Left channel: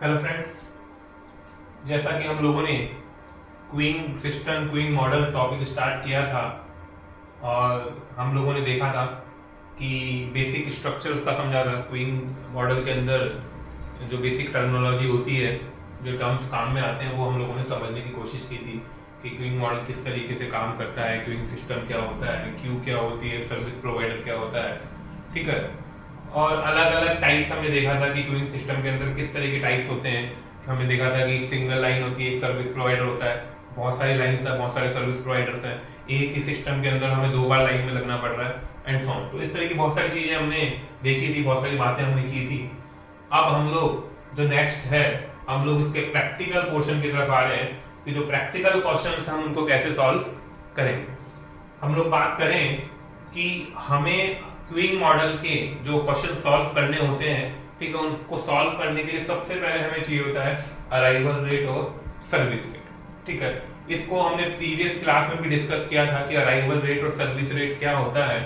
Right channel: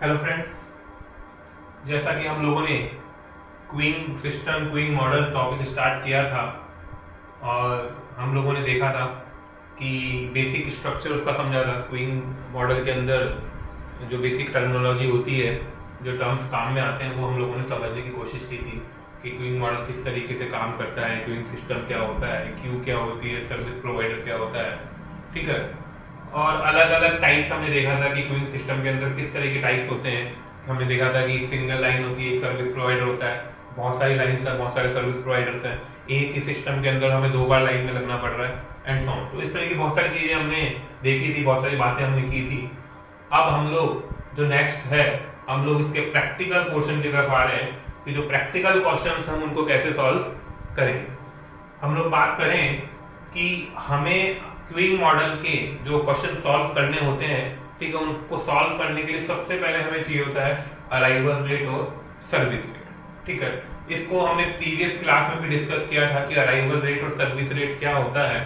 Hello friends, जैसा कि हम लोगों ने queen system queen model topic start किया था और हम लोगों ने देखा था कि बेसिक स्ट्रक्चर उसका समझा था। क्वीन मॉडल के अंदर जो बेसिक टर्मिनोलॉजी होती है, जो टर्म्स काम में आते हैं, वो हम लोगों ने समझने की कोशिश की थी कि क्वीन मॉडल किस तरीके से काम करता है, क्वीन सिस्टम क्या होता है, क्यू क्या होती है, सर्विस प्रोवाइडर क्या होता है। ठीक है। और अलग अलग टाइप्स हमने देखा था कि क्यूइंग सिस्टम के अंदर किस तरह के टाइप्स होते हैं। हमने देखा था कि एक सिंगल लाइन होती है, एक सर्विस प्रोवाइडर होता है, बहुत सारी लाइन्स हैं, बहुत सारे सर्विस प्रोवाइडर्स हैं, एक ही सिस्टम के अंदर हमें 2 बार लाइन में लगना पड़ रहा है एंड सो ऑन। तो इस तरह की बहुत सारी चीज़ें हमने देखी थी, बहुत सारी बातें हमने की थी। अब हम लोग जो नेक्स्ट है, हम लोग इसके प्रैक्टिकल पोर्शन की तरफ आ रहे हैं कि जो प्रैक्टिकल क्वेश्चन हम उनको कैसे सॉल्व करेंगे। हम लोग बात करें कि हमें क्यूइंग मॉडल के जो क्वेश्चन सॉल्व करने होते हैं, ठीक है, उनको सॉल्व करने के लिए सबसे पहले हमें चाहिए होता है अराइवल रेट और सर्विस रेट। ठीक है, इसको हमने प्रीवियस क्लास में भी डिस्कस किया था कि अराइवल रेट और सर्विस रेट क्या होता है।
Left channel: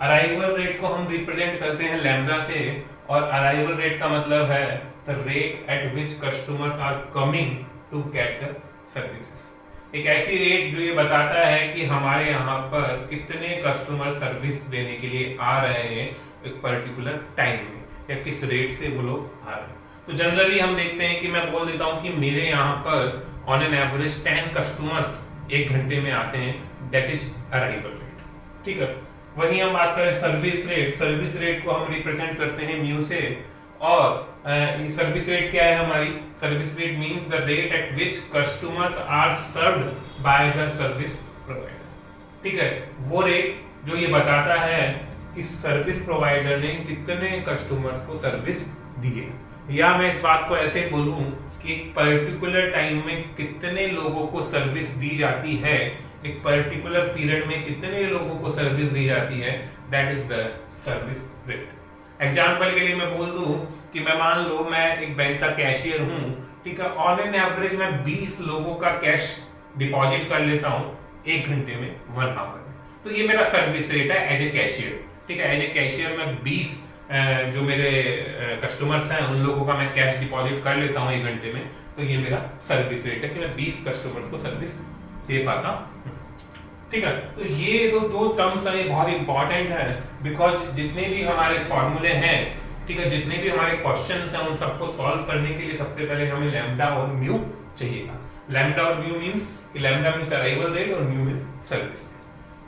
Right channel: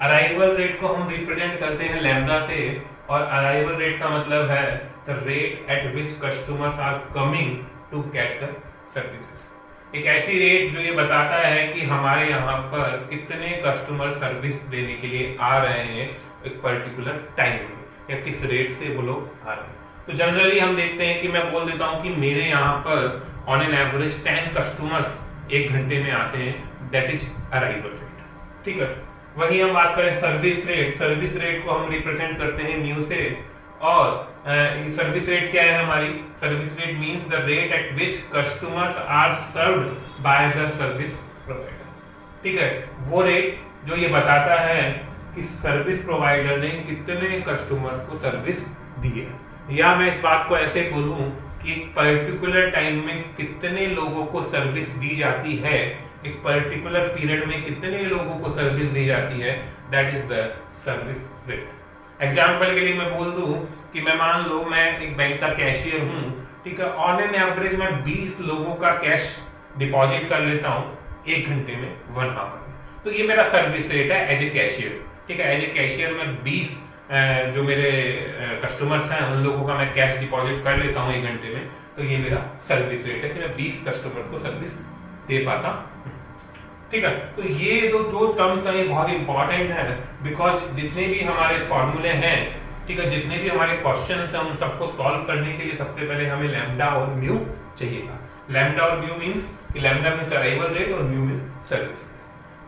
अराइवल रेट को हम रिप्रेजेंट करते हैं लैम्डा से, और अराइवल रेट का मतलब है the rate at which customers are coming to get the services. एक ऐसी रेट जो ये बताता है कि हमारे यहाँ पर कितने कस्टमर सर्विस देने के लिए आ रहे हैं एक पर्टिकुलर टाइम में, या किस रेट से वो लोग आ रहे हैं। तो जनरली हम देखते हैं कि मैं बोल देता हूँ कि मेरे यहाँ पर ऑन एन एवरेज 10 कस्टमर्स 1 घंटे में आते हैं, दैट इज अराइवल रेट। ठीक है। वही हम बात करें सर्विस रेट, सर्विस रेट को हम रिप्रेजेंट करते हैं म्यू से, और सर्विस रेट क्या है हमारी? Service rate means the rate at which customers are served by the service provider. ठीक है, वो रेट जो ये बताता है कि सर्विस प्रोवाइडर ने कितने कस्टमर्स को सर्विस दी है, या मैं इस बात को ऐसे बोलूं कि एक पर्टिकुलर टाइम में कितने लोगों को सर्विस दी जाती है, एक पर्टिकुलर पीरियड में कितने लोगों को सर्विस दी जाती है, that is the service rate. Example के लिए मैं बोल दूं कि मैं मान लो मैं एक बैंक का कैशियर हूं, ठीक है, ऑन एन एवरेज मैं 20 लोगों का कैश डिपॉजिट कर लेता हूं 1 घंटे में, 1 आवर में। तो ये मेरा सर्विस रेट है एज ए कैशियर। ठीक है, एज ए कैशियर मैं 20 जो मेरे कस्टमर्स हैं उन लोगों का मैं कैश डिपॉजिट कर लेता हूं 1 घंटे में, तो ये मेरा सर्विस रेट है कि मैं 20 कस्टमर्स को सर्विस दे पाता हूं। ठीक है, तो ये जो टर्म्स हैं ये बहुत इंपॉर्टेंट है, बिकॉज जितने भी हमारे फॉर्मूले हैं, ठीक है, जितने भी हमारे क्वेश्चंस हैं, उन सबको सॉल्व करने के लिए सबसे पहले हमें लैम्डा और म्यू चाहिएगा। लैम्डा और mu means, lambda means arrival rate और म्यू मींस सर्विस।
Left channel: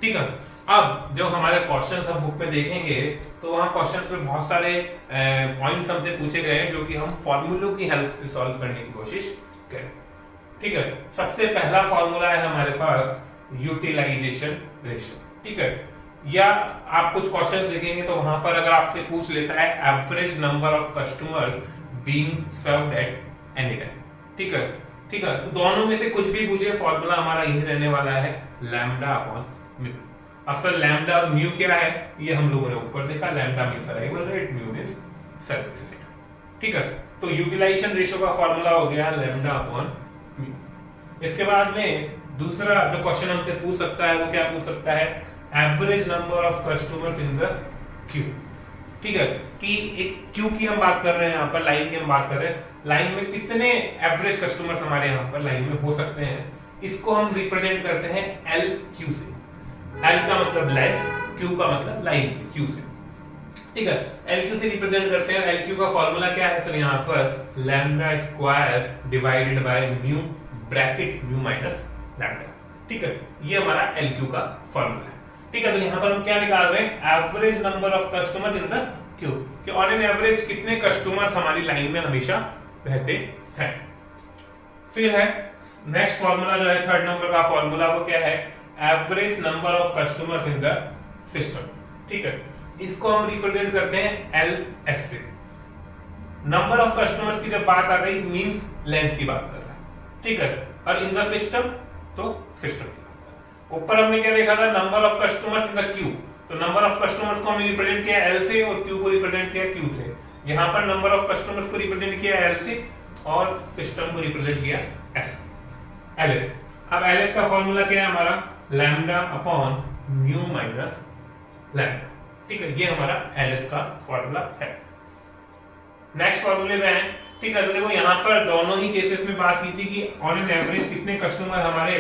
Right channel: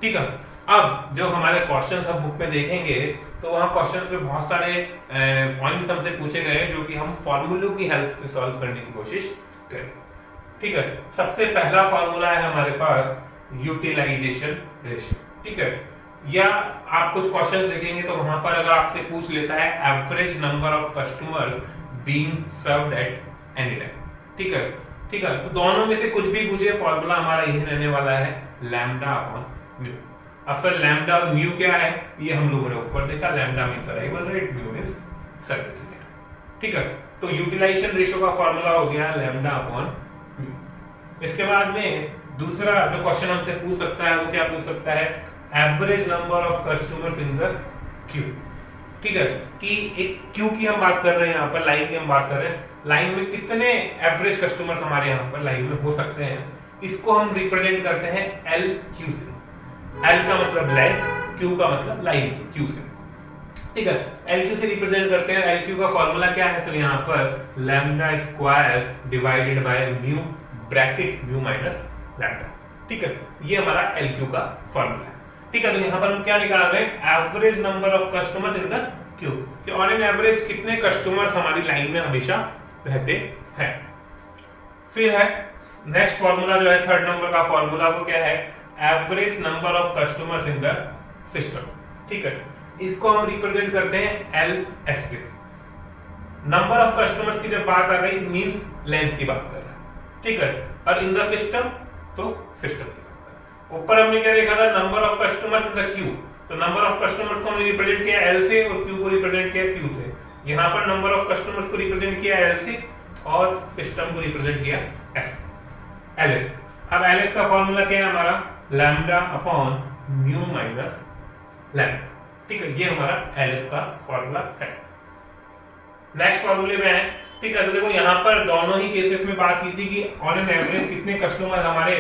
ठीक है, अब जो हमारे क्वेश्चंस हम बुक में देखेंगे तो वहाँ क्वेश्चंस में बहुत सारे पॉइंट्स हमसे पूछे गए हैं जो कि हम फॉर्मूलों की हेल्प से सॉल्व करने की कोशिश करें। ठीक है, सबसे पहला फॉर्मूला है हमारे पास यूटिलाइजेशन रेशियो। ठीक है, या आप कुछ क्वेश्चंस देखेंगे तो वहां पर अगर आपसे पूछ लेता है average number of customers being served at any time. ठीक है, ठीक है, दोनों में से कुछ भी पूछे, फॉर्मूला हमारा यही रहने वाला है लैम्डा अपॉन म्यू। अब सर लैम्डा और म्यू क्या है, ये हम लोगों ने ऊपर देखा, lambda means arrival rate, mu means service rate. ठीक है, तो यूटिलाइजेशन रेशियो का फॉर्मूला हो गया लैम्डा अपॉन म्यू। इसके बाद में दूसरा जो क्वेश्चन हमसे पूछ सकता है वो क्या पूछ सकता है, average number of customers in the Q. ठीक है, कि एक क्यू की हम बात कर रहे हैं, यहाँ पर लाइन की हम बात कर रहे हैं, लाइन में कितने एवरेज कस्टमर्स हमारे यहाँ पर लाइन में हो सकते हैं, इसको हम रिप्रेजेंट करते हैं एल क्यू से। एल का मतलब लेंथ, क्यू का मतलब लाइन से, क्यू से। ठीक है, एल क्यू से रिप्रेजेंट करते हैं। एल क्यू का फॉर्मूला क्या है, तो यहाँ पर lambda square divided by mu bracket mu minus lambda. ठीक है, ये हमारा LQ का फॉर्मूला है। ठीक है, तो यहाँ पर हम क्या निकाल रहे हैं, average number of customers in the Q, कि ऑन एन एवरेज कितने कस्टमर्स हमारी लाइन में हमेशा रहते हैं। फिर है नेक्स्ट फॉर्मूला जो है थर्ड नंबर का फॉर्मूला, वो क्या है, average number of customers in the system. ठीक है, इसको हम रिप्रेजेंट करते हैं LS से। नंबर ऑफ कस्टमर्स की जब बात आ गई मींस लेंथ की बात कर रहा है। ठीक है, और इन द सिस्टम तो सिस्टम। ऊपर हमने क्या देखा था, number of customers in the Q, तो नंबर ऑफ कस्टमर्स को हमने रिप्रेजेंट किया L से और क्यू को रिप्रेजेंट किया Q से। यहाँ पर नंबर ऑफ कस्टमर्स को रिप्रेजेंट किया L से और सिस्टम को रिप्रेजेंट किया LS। अब LS का फॉर्मूला क्या है हमारा, lambda upon mu minus lambda. ठीक है, ये हमारा LS का फॉर्मूला है। नेक्स्ट फॉर्मूले में है, ठीक है। तो देखो यहाँ पर दोनों ही केसेस में बात की थी कि ऑन एन एवरेज कितने कस्टमर हमारे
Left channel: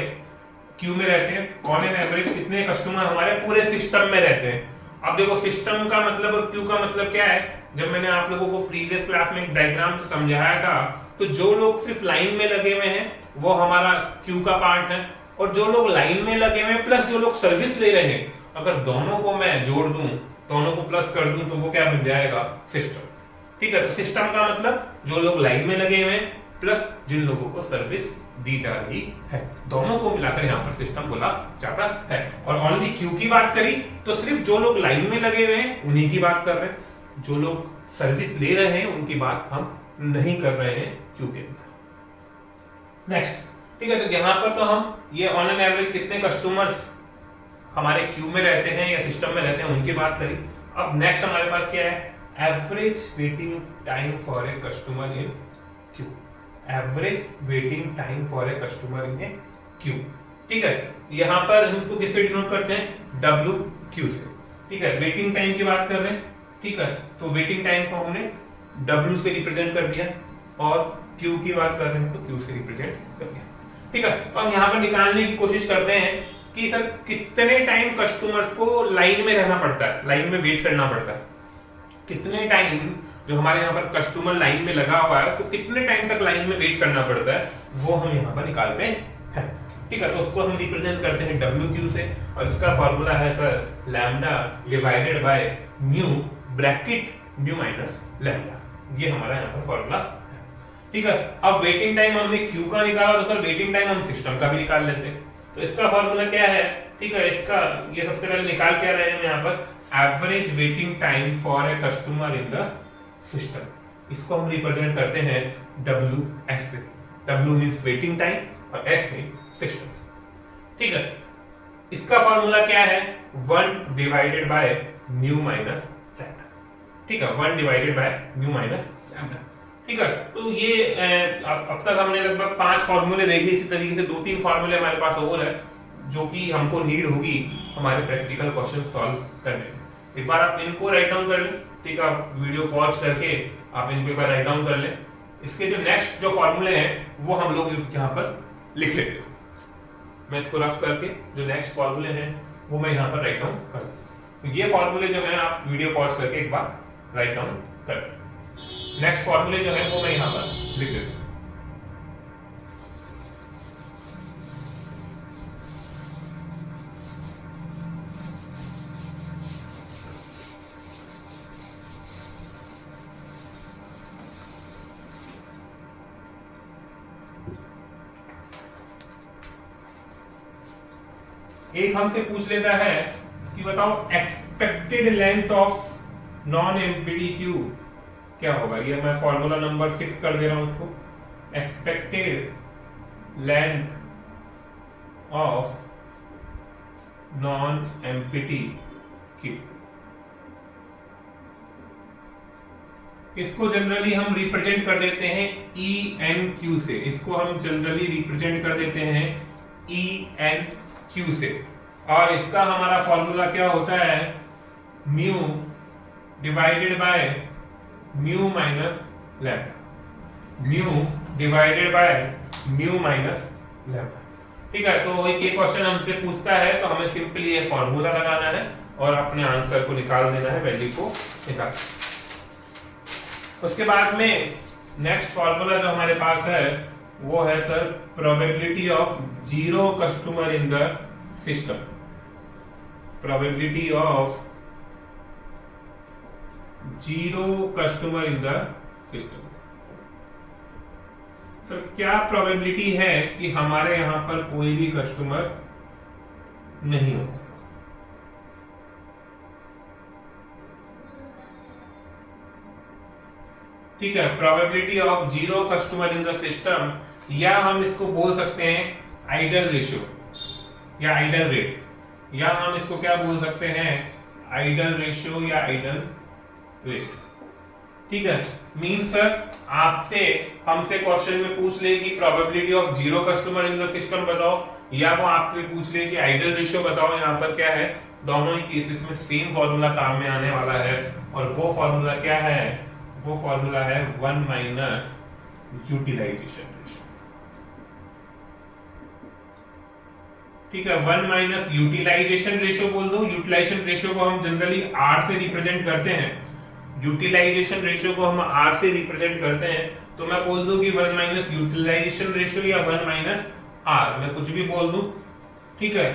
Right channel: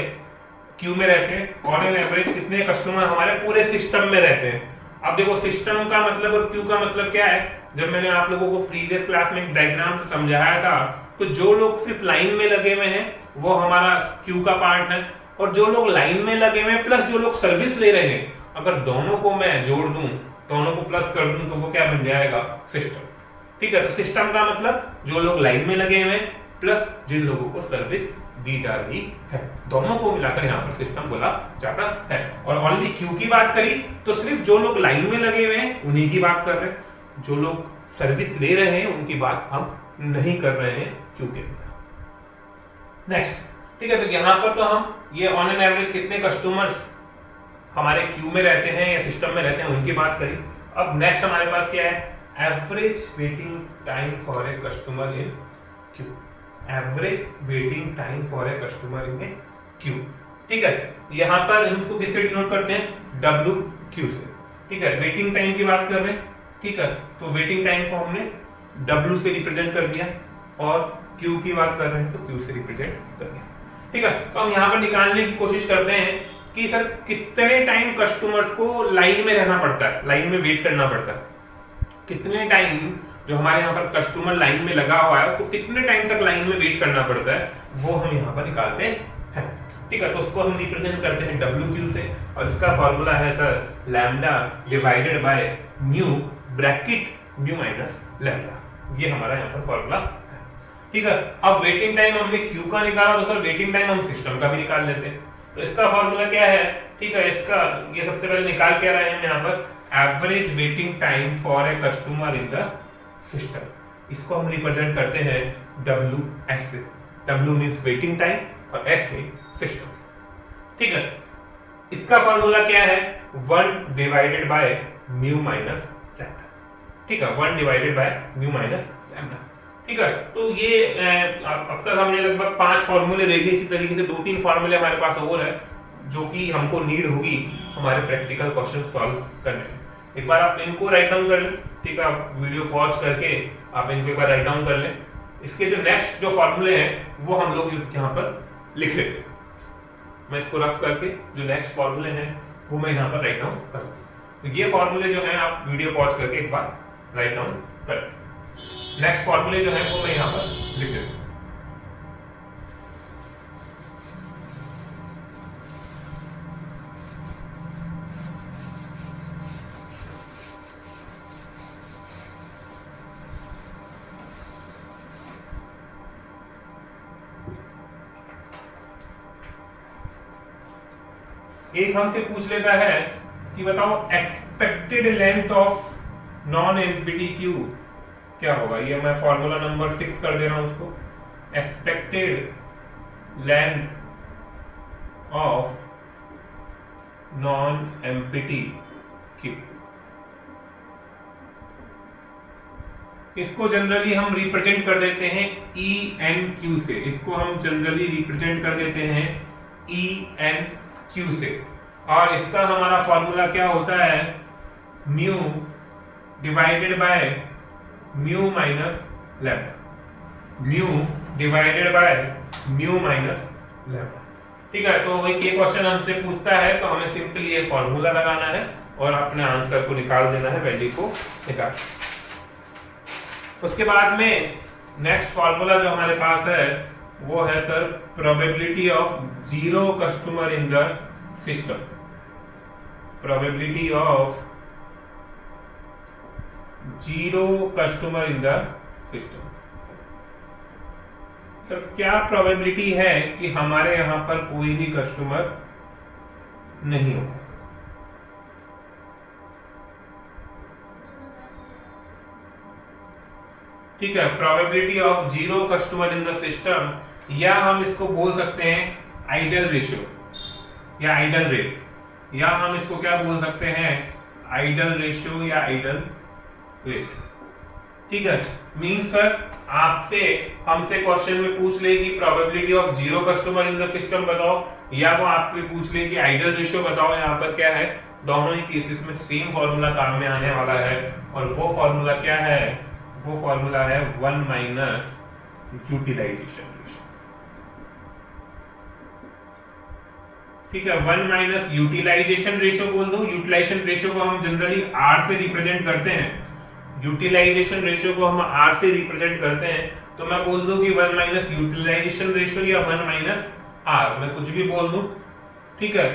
क्यू में रहते हैं, ऑन एन एवरेज कितने कस्टमर हमारे पूरे सिस्टम में रहते हैं। अब देखो सिस्टम का मतलब और क्यू का मतलब क्या है, जब मैंने आप लोगों को प्रीवियस क्लास में एक डायग्राम से समझाया था, तो जो लोग सिर्फ लाइन में लगे हुए हैं वो हमारा क्यू का पार्ट है, और जो लोग लाइन में लगे हुए हैं प्लस जो लोग सर्विस ले रहे हैं, अगर दोनों को मैं जोड़ दूं, दोनों को प्लस कर दूं, तो वो क्या बन जाएगा, सिस्टम। ठीक है। तो सिस्टम का मतलब जो लोग लाइन में लगे हुए हैं प्लस जिन लोगों को सर्विस दी जा रही है, दोनों को मिलाकर यहाँ पर सिस्टम बोला जाता है। और ओनली क्यू की बात करी तो सिर्फ जो लोग लाइन में लगे हुए हैं उन्हीं की बात कर रहे हैं, जो लोग सर्विस ले रहे हैं उनकी बात हम नहीं कर रहे हैं क्यू के अंदर। नेक्स्ट, ठीक है। तो यहाँ पर तो हम ये ऑन एन एवरेज कितने कस्टमर्स हमारे क्यू में रहते हैं या सिस्टम में रहते हैं उनकी बात करी। अब नेक्स्ट हमारे पास क्या है, average waiting time for a customer in Q. Average waiting time for a customer in A Q. ठीक है। यहाँ पर हम इसको किससे डिनोट करते हैं, डब्ल्यू क्यू से। ठीक है। वेटिंग टाइम की बात कर रहे हैं। ठीक है। तो वेटिंग टाइम को हमने डब्ल्यू से रिप्रेजेंट कर दिया, और क्यू की बात कर रहे हैं तो क्यू से रिप्रेजेंट कर दिया। ठीक है। तो हम यहाँ पर निकालने की कोशिश करते हैं कि सर कितने टाइम कस्टमर्स को लाइन में रहना पड़ता है, लाइन में वेट करना पड़ता है, कितने टाइम जो हमारे यहाँ पर कस्टमर लाइन में लगा हुआ है उसको कितने टाइम तक लाइन में वेट करना पड़ता है, वो हम यहाँ पर निकालते हैं। ठीक है। तो उसको हम रिप्रेजेंट करते हैं डब्ल्यू क्यू से, और इसका फॉर्मूला है sir lambda divided by mu bracket mu minus lambda, ये हमारा यहाँ पर फॉर्मूला है। ठीक है। अब वेटिंग टाइम हमने क्यू का निकाला, तो सर वेटिंग टाइम हम सिस्टम का भी निकाल लेते हैं। तो इसका फॉर्मूला क्या है, ठीक है, इसका ये सबसे पहले निकाल के रहे हैं यहाँ पर average waiting time for a customer in the system. इसको हम रिप्रेजेंट करते हैं डब्ल्यू एस से। डब्ल्यू मीन्स वेटिंग टाइम और एस मीन्स सिस्टम। ठीक है। इसका फॉर्मूला क्या है, 1 divided by mu minus lambda. ठीक है। 1 divided by mu minus lambda. ठीक है। तो ये अब तक हमने लगभग 5 फॉर्मूले देखे। इसी तरीके से 2-3 फॉर्मूले हमारे पास और है जो कि हमको नीड होगी हमारे प्रैक्टिकल क्वेश्चन सॉल्व करने में। एक बार आप इनको राइट डाउन कर लें। ठीक है। आप वीडियो पॉज करके आप इनको एक बार राइट डाउन कर लें। इसके जो नेक्स्ट जो फॉर्मूले हैं वो हम लोग यहाँ पर लिख लेते हैं। मैं इसको रफ करके जो नेक्स्ट फॉर्मूले हैं वो मैं यहाँ पर राइट डाउन कर दूँ। तो ये फॉर्मूले जो हैं आप वीडियो पॉज करके एक बार राइट डाउन कर लें। नेक्स्ट फॉर्मूले जो है वो मैं यहाँ पर लिख देता हूँ। एक हमसे पूछ लेता है कि बताओ expected length of non empty Q क्या होगा। ये मैं फॉर्मूला नंबर 6 कर दे रहा हूं उसको। Expected length of non empty Q, इसको जनरली हम रिप्रेजेंट कर देते हैं ई एन क्यू से। इसको हम जनरली रिप्रेजेंट कर देते हैं ई एन क्यू से। और इसका हमारा फॉर्मूला क्या होता है, mu divided by mu minus lambda. Mu divided by mu minus lambda. ठीक है। तो ये क्वेश्चन हमसे पूछता है तो हमें सिंपली ये फॉर्मूला लगाना है और अपने आंसर को निकाल देना है, वैल्यू को निकाल। उसके बाद में नेक्स्ट फॉर्मूला जो हमारे पास है वो है sir probability of zero customer in the system. Probability of zero customer in the system. Sir क्या प्रोबेबिलिटी है कि हमारे यहां पर कोई भी कस्टमर नहीं होगा। ठीक है। Probability of zero customer in the system, या हम इसको बोल सकते हैं आइडल रेशियो या आइडल रेट, या हम इसको क्या बोल सकते हैं आइडल रेशियो या आइडल रेट। ठीक है। मींस सर आपसे हमसे क्वेश्चन में पूछ ले कि probability of zero customer in the system बताओ, या वो आपसे पूछ ले कि आइडल रेशियो बताओ। यहाँ पर क्या है, दोनों ही केसेस में सेम फॉर्मूला काम में आने वाला है, और वो फॉर्मूला क्या है, वो फॉर्मूला है 1 माइनस यूटिलाइजेशन रेशियो। ठीक है, 1 माइनस यूटिलाइजेशन रेशियो बोल दो। यूटिलाइजेशन रेशियो को हम जनरली आर से रिप्रेजेंट करते हैं, यूटिलाइजेशन रेशियो को हम आर से रिप्रेजेंट करते हैं, तो मैं बोल दूं कि 1 माइनस यूटिलाइजेशन रेशियो या 1 माइनस आर, मैं कुछ भी बोल दूं। ठीक है,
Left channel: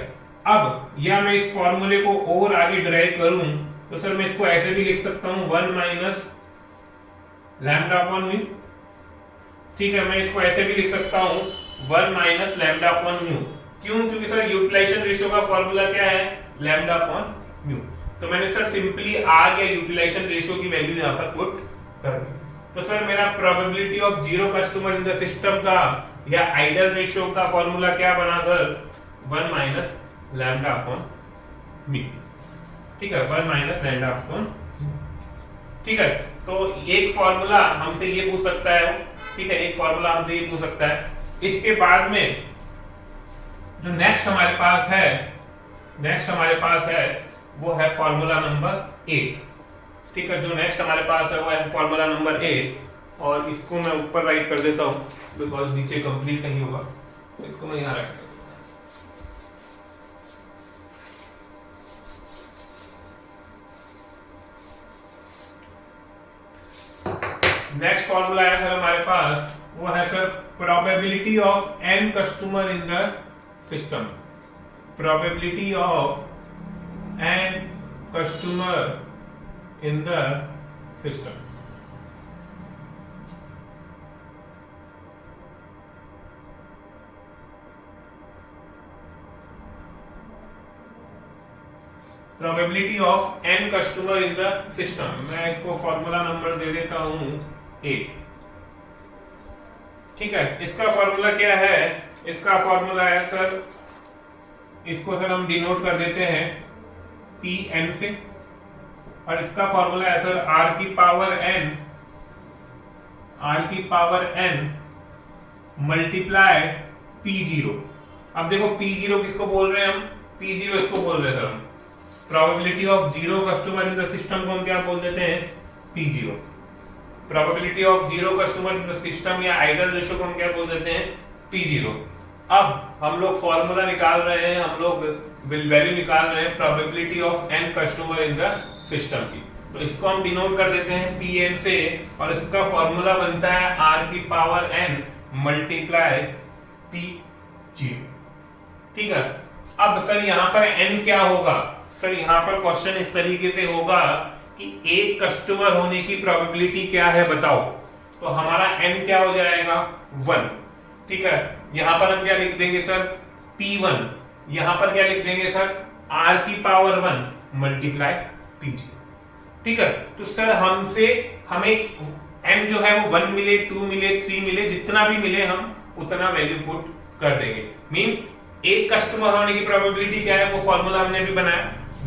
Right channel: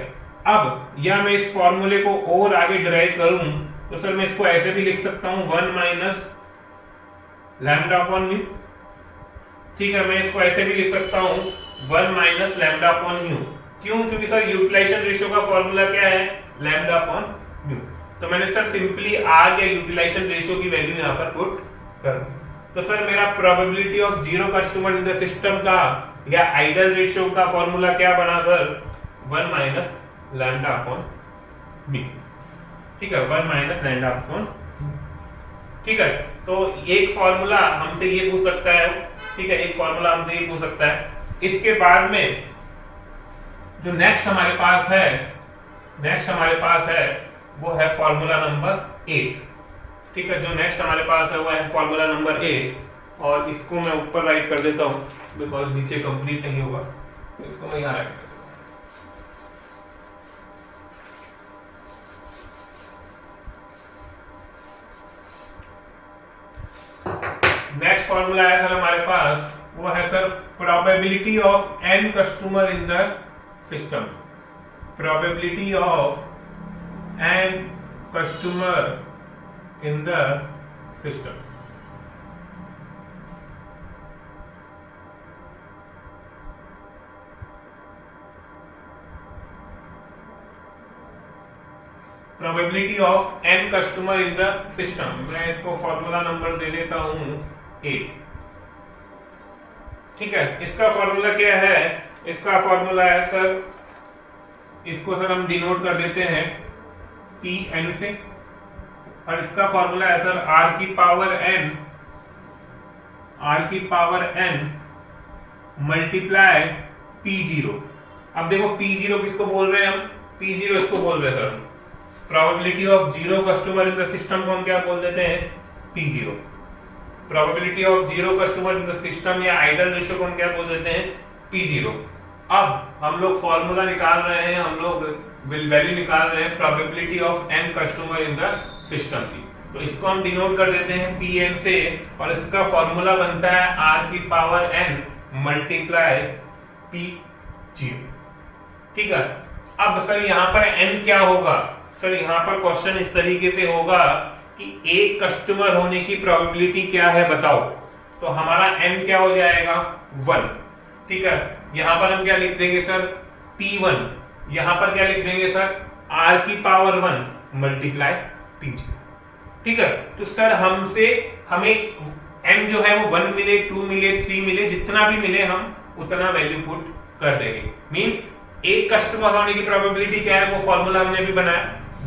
अब या मैं इस फॉर्मूले को और आगे डिराइव करूं तो सर मैं इसको ऐसे भी लिख सकता हूं 1 माइनस लैम्डा अपॉन म्यू। ठीक है, मैं इसको ऐसे भी लिख सकता हूं 1 माइनस लैम्डा अपॉन म्यू। क्यों? क्योंकि सर यूटिलाइजेशन रेशियो का फॉर्मूला क्या है? Lambda upon mu. तो मैंने सर सिंपली आर या यूटिलाइजेशन रेशियो की वैल्यू यहां पर पुट कर दी। तो सर मेरा probability of zero customer in the system का या आइडल रेशियो का फॉर्मूला क्या बना sir? 1 minus lambda upon mu. ठीक है, 1 माइनस लैम्डा अपॉन। ठीक है, तो एक फॉर्मूला हमसे ये पूछ सकता है। ठीक है, एक फॉर्मूला हमसे ये पूछ सकता है। इसके बाद में जो नेक्स्ट हमारे पास है वो है फॉर्मूला नंबर 8। ठीक है, जो नेक्स्ट हमारे पास है वो है फॉर्मूला नंबर 8, और इसको मैं ऊपर राइट कर देता हूं बिकॉज नीचे कंप्लीट नहीं होगा, तो इसको मैं यहां राइट कर देता हूं। नेक्स्ट फॉर्मूला है सर हमारे पास, वो है sir probability of n customer in the system. Probability of n customer in the system। Probability of n customer in the system, मैं इसको फॉर्मूला नंबर दे देता हूं 8। ठीक है, इसका फॉर्मूला क्या है? इसका फॉर्मूला है सर, इसको सर हम डिनोट कर देते हैं Pn से, और इसका फॉर्मूला है सर r की पावर n मल्टीप्लाई P0। अब देखो P0 किसको बोल रहे हैं हम? P0 इसको बोल रहे हैं sir, probability of zero customer in the system को हम क्या बोल देते हैं? P0। Probability of zero customer in the system या आइडल रेशियो को हम क्या बोल देते हैं? P0। अब हम लोग फॉर्मूला निकाल रहे हैं, हम लोग वैल्यू निकाल रहे हैं probability of n customer in the system की, तो इसको हम डिनोट कर देते हैं Pn से, और इसका फॉर्मूला बनता है r की पावर n मल्टीप्लाई P0। ठीक है, अब सर यहाँ पर n क्या होगा? सर यहाँ पर क्वेश्चन इस तरीके से होगा कि एक कस्टमर होने की प्रोबेबिलिटी क्या है बताओ, तो हमारा n क्या हो जाएगा? 1। ठीक है, यहाँ पर हम क्या लिख देंगे सर? P1। यहाँ पर क्या लिख देंगे सर? r की पावर 1 मल्टीप्लाई P0। ठीक है, तो सर हमें n जो है वो 1 मिले, 2 मिले, 3 मिले, जितना भी मिले हम उतना वैल्यू पुट कर देंगे। मींस एक कस्टमर होने की प्रोबेबिलिटी क्या है, वो फॉर्मूला हमने भी बनाया।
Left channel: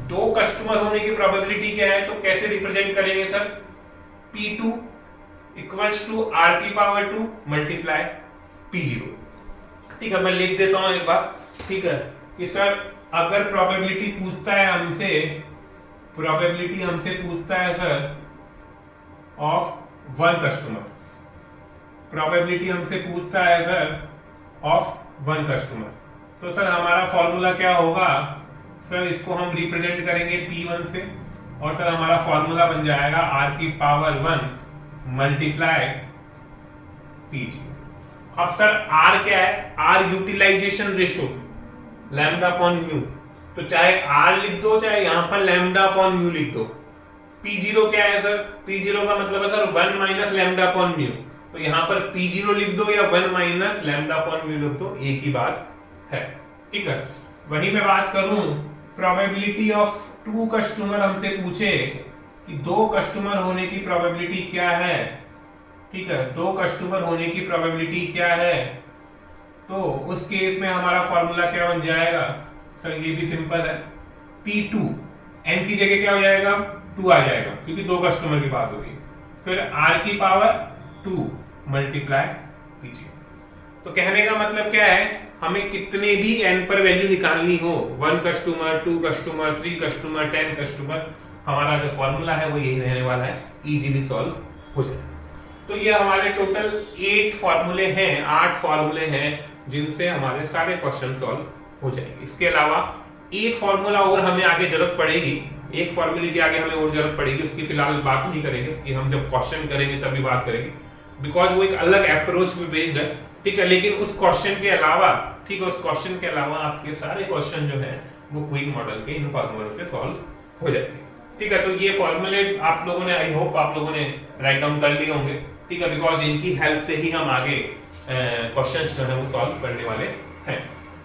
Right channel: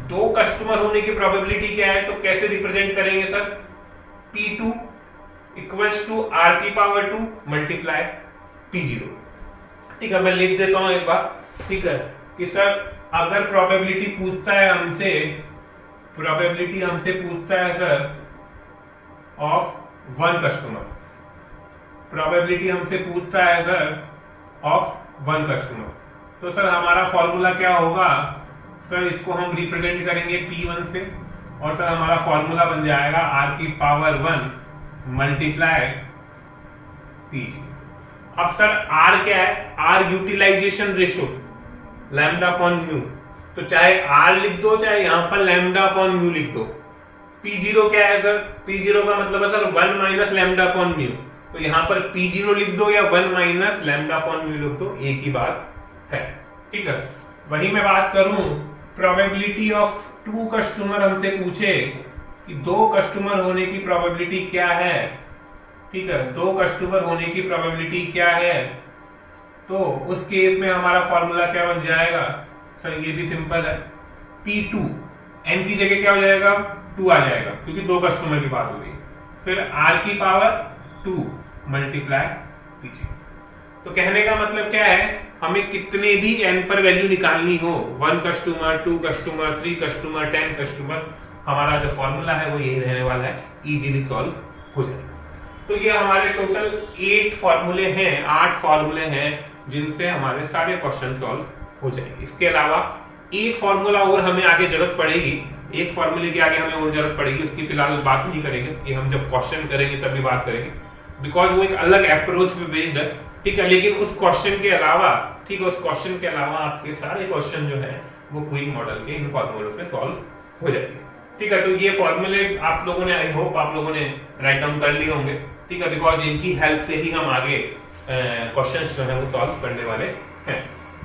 2 कस्टमर होने की प्रोबेबिलिटी क्या है, तो कैसे रिप्रेजेंट करेंगे sir? P2 equals to r की पावर 2 मल्टीप्लाई P0। ठीक है, मैं लिख देता हूं एक बार। ठीक है, कि सर अगर प्रोबेबिलिटी पूछता है सर ऑफ 1 कस्टमर, प्रोबेबिलिटी हमसे पूछता है सर ऑफ 1 कस्टमर, तो सर हमारा फॉर्मूला क्या होगा? सर इसको हम रिप्रेजेंट करेंगे P1 से, और सर हमारा फॉर्मूला बन जाएगा r की पावर 1 मल्टीप्लाई P0। अब सर r क्या है? r utilization ratio lambda upon mu, तो चाहे r लिख दो चाहे यहां पर लैम्डा अपॉन म्यू लिख दो। P0 क्या है सर? P0 का मतलब है sir 1 minus lambda upon mu, तो यहां पर P0 लिख दो या 1 माइनस लैम्डा अपॉन म्यू लिख दो, एक ही बात है। ठीक है, वही मैं बात करूं प्रोबेबिलिटी ऑफ 2 कस्टमर, हमसे पूछे कि 2 कस्टमर होने की प्रोबेबिलिटी क्या है। ठीक है, 2 कस्टमर होने की प्रोबेबिलिटी क्या है, तो उस केस में हमारा फॉर्मूला क्या बन जाएगा सर? ये भी सिंपल है, P2 n की जगह क्या हो जाएगा? 2 आ जाएगा, क्योंकि 2 कस्टमर की बात हो रही है। फिर r की पावर 2 मल्टीप्लाई P0। तो कहने का मतलब क्या है, हमें कितने भी n पर वैल्यू निकालनी हो, 1 कस्टमर, 2 कस्टमर, 3 कस्टमर, 10 कस्टमर, हमारा जो फॉर्मूला है वो यही रहने वाला है, इजीली सॉल्व हो जाएगा। तो तो ये हमारे टोटल 8 फॉर्मूले हैं, 8 फॉर्मूले हैं जिनसे हमारे सारे क्वेश्चन सॉल्व हो जाएंगे। इसके अलावा एक फॉर्मूला और हमें आगे जरूरत पड़ेगी, एक फॉर्मूले की आगे हमें और जरूरत पड़ेगी, उसकी फिलहाल बात नहीं करेंगे, उसकी हम जब क्वेश्चन करेंगे तभी बात करेंगे, बिकॉज वो एक अलग अप्रोच पे बेस्ड है, ठीक है। लेकिन उस क्वेश्चन के अलावा, ठीक है, उस क्वेश्चन के अलावा आपके सारे क्वेश्चन जो है वो क्विक मॉडल के इन फॉर्मूलों से सॉल्व हो जाएंगे, ठीक है। तो ये फॉर्मूले आप लोगों ने, आई होप आप लोगों ने राइट डाउन कर लिए होंगे, ठीक है, बिकॉज इनकी हेल्प से ही हम आगे क्वेश्चंस जो है वो सॉल्व करने वाले हैं,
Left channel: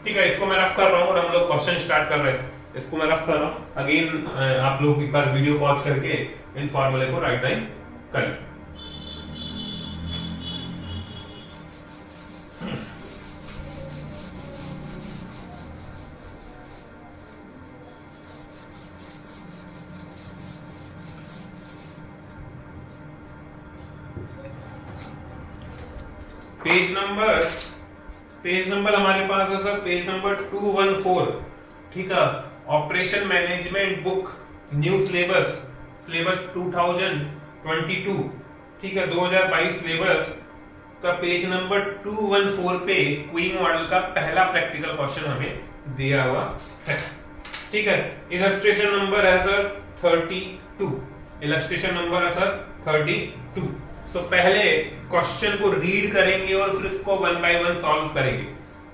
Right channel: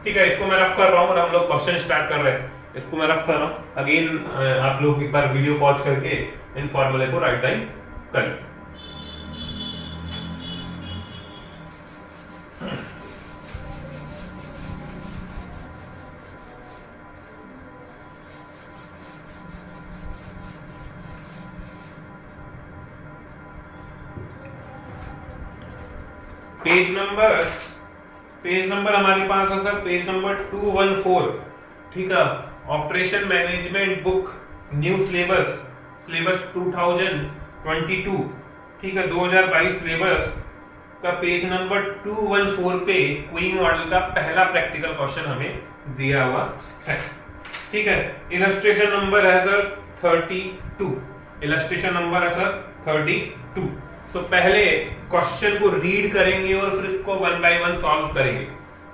ठीक है। इसको मैं रफ कर रहा हूँ और हम लोग क्वेश्चन स्टार्ट कर रहे हैं। इसको मैं रफ कर रहा हूँ अगेन, आप लोग एक बार वीडियो पॉज करके इन फॉर्मूले को राइट डाउन कर लें। पेज नंबर हमारे पास है सर, पेज नंबर 214, ठीक है। Operation management book new syllabus 2022, ठीक है, 2022 सिलेबस का पेज नंबर 214 पे क्वीन मॉडल का पहला प्रैक्टिकल क्वेश्चन हमें दिया हुआ है, ठीक है। इलस्ट्रेशन नंबर है सर 32, इलस्ट्रेशन नंबर है सर 32। तो पहले क्वेश्चन को रीड करेंगे और फिर इसको वन बाय वन सॉल्व करेंगे,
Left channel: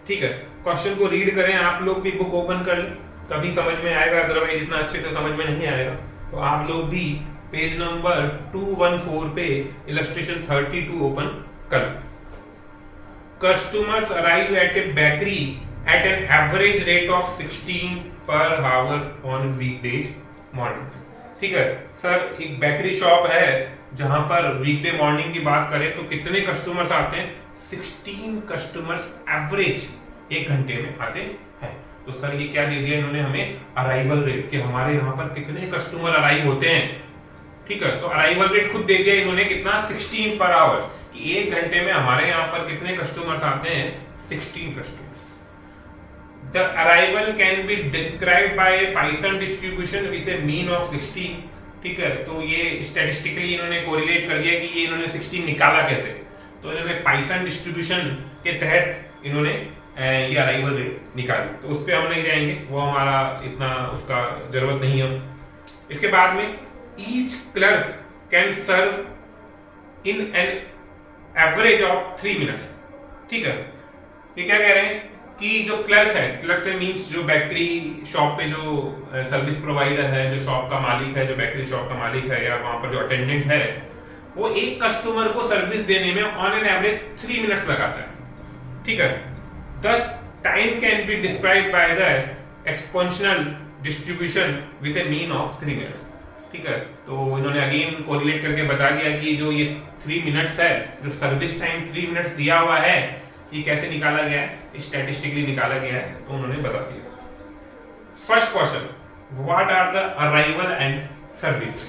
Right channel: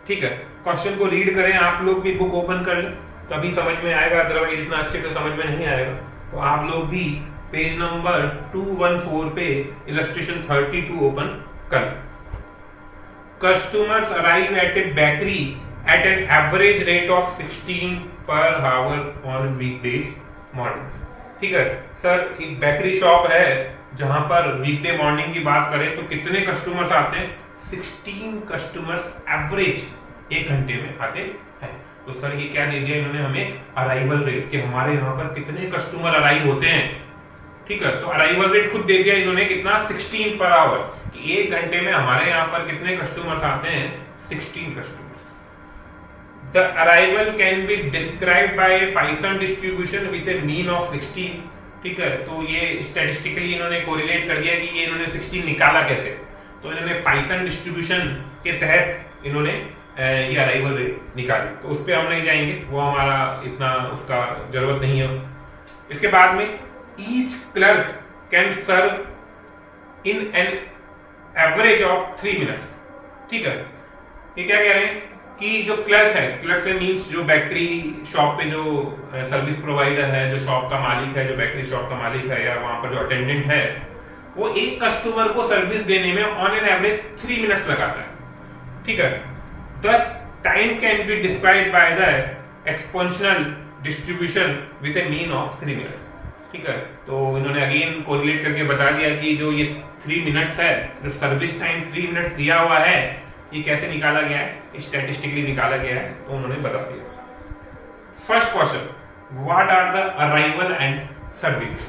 ठीक है। क्वेश्चन को रीड करें, आप लोग भी बुक ओपन कर लें, तभी समझ में आएगा, अदरवाइज इतना अच्छे से समझ में नहीं आएगा। तो आप लोग भी पेज नंबर 214 पे इलस्ट्रेशन 32 ओपन कर लें। Customers arrive at a bakery at an average rate of 16 per hour on weekdays mornings, ठीक है। सर एक बेकरी शॉप है जहां पर वीकडे मॉर्निंग की बात करें तो कितने कस्टमर्स आते हैं? 16 कस्टमर्स एवरेज एक घंटे में आते हैं। तो सर ये क्या दे दिया इन्होंने हमें? अराइवल रेट, कि हमारे यहाँ पर कितने कस्टमर अराइव होते हैं, ठीक है। तो अराइवल रेट खुद दे दिया इन्होंने कितना? 16 पर आवर, कि एक घंटे में हमारे यहाँ पर कितने कस्टमर्स आते हैं? 16 customers. The arrival can be described bye A Python distribution with A mean of 16, ठीक है। तो ये स्टैटिस्टिकली इन्होंने कोरिलेट कर दिया कि ये इन्होंने 16 निकाला कैसे। तो इन्होंने पाइथन डिस्ट्रीब्यूशन के तहत इन्होंने ये अराइवल रेट निकाली। तो उस पर हम नहीं जाएंगे, वो हमारा इतना उसका जरूरत नहीं है। इसके बाद में each clerk can serve in an average of 3 minutes, ठीक है। ये क्या कह रहे हैं कि जो क्लर्क है, क्लर्क से मींस जो बेकरी शॉप पे जो सर्विस प्रोवाइडर है, जो शॉप का मालिक है, जो बेकरी शॉप का मालिक है या वहां पर जो अटेंडेंट है, वो एक कस्टमर को सर्विस देने में ऑन एन एवरेज 3 मिनट्स लगाता है, ठीक है। The time can be described by the exponential distribution with A mean of 3 minutes, ठीक है। तो इन्होंने अगेन कोरिलेट करके बता दिया कि जो ये 3 मिनट्स है, जो सर्विस टाइम 3 मिनट्स दिया हुआ है, ये कैसे निकाला गया है? स्टैटिस्टिकली निकाला गया है, तो उन्होंने बता दिया। First question, what are the arrival and service?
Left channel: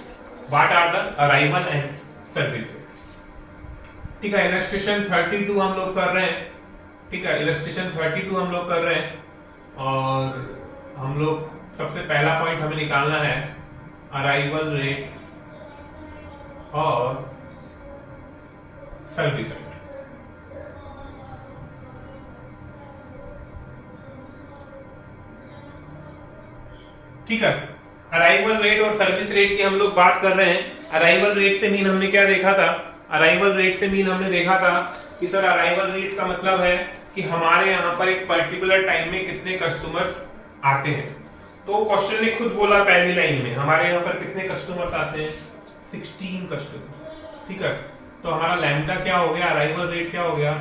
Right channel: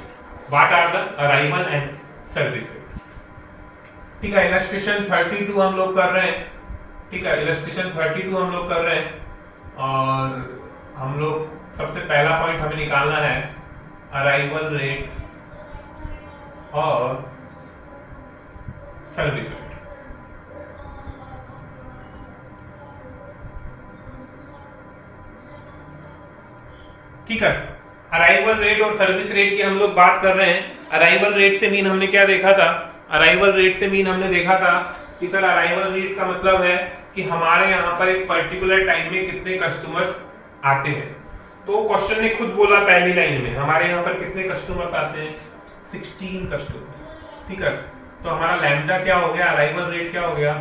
What are the arrival and service? ठीक है, इलस्ट्रेशन 32 हम लोग कर रहे हैं, ठीक है, इलस्ट्रेशन 32 हम लोग कर रहे हैं, और हम लोग सबसे पहला पॉइंट हमें निकालना है अराइवल रेट और सर्विस रेट। ठीक है, अराइवल रेट और सर्विस रेट की हम लोग बात कर रहे हैं। अराइवल रेट से मीन हमने क्या देखा था? अराइवल रेट से मीन हमने देखा था कि सर अराइवल रेट का मतलब है कि हमारे यहाँ पर एक पर्टिकुलर टाइम में कितने कस्टमर्स आते हैं। तो क्वेश्चन ने खुद बोला पहली लाइन में, हमारे यहाँ पर कितने कस्टमर्स आते हैं? 16 कस्टमर्स, ठीक है। तो हमारा लैम्डा क्या हो गया? अराइवल रेट क्या हो गया?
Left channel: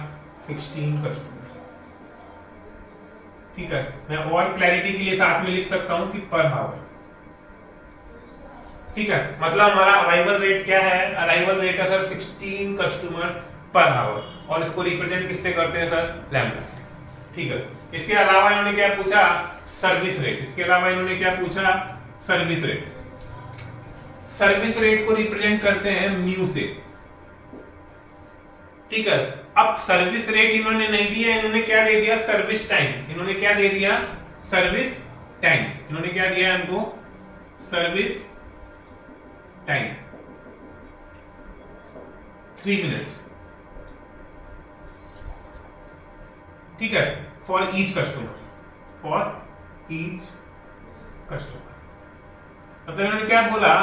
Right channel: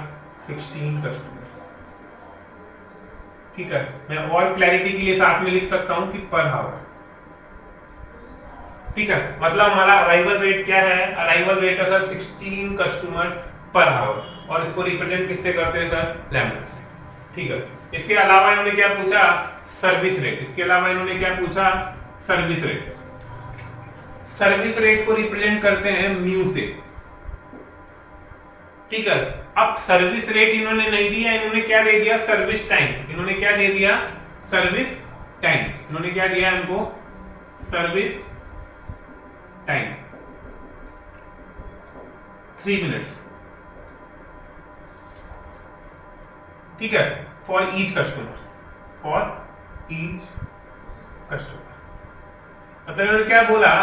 16 कस्टमर्स, ठीक है। मैं और क्लैरिटी के लिए साथ में लिख सकता हूं कि पर आवर, ठीक है। मतलब हमारा अराइवल रेट क्या है? अराइवल रेट है सर 16 कस्टमर्स पर आवर, और इसको रिप्रेजेंट किससे करते हैं सर? लैम्डा से, ठीक है। इसके अलावा इन्होंने क्या पूछा? Service rate. इसके अलावा इन्होंने क्या पूछा? Service rate. सर्विस रेट को रिप्रेजेंट करते हैं म्यू से, ठीक है। अब सर्विस रेट इन्होंने नहीं दिया, इन्होंने क्या दे दिया? Service time. इन्होंने क्या दे दिया? Service time. इन्होंने क्या दिया इनको? Service time. 3 मिनट्स, ठीक है, for each customer, for each customer. मतलब इन्होंने क्या बोला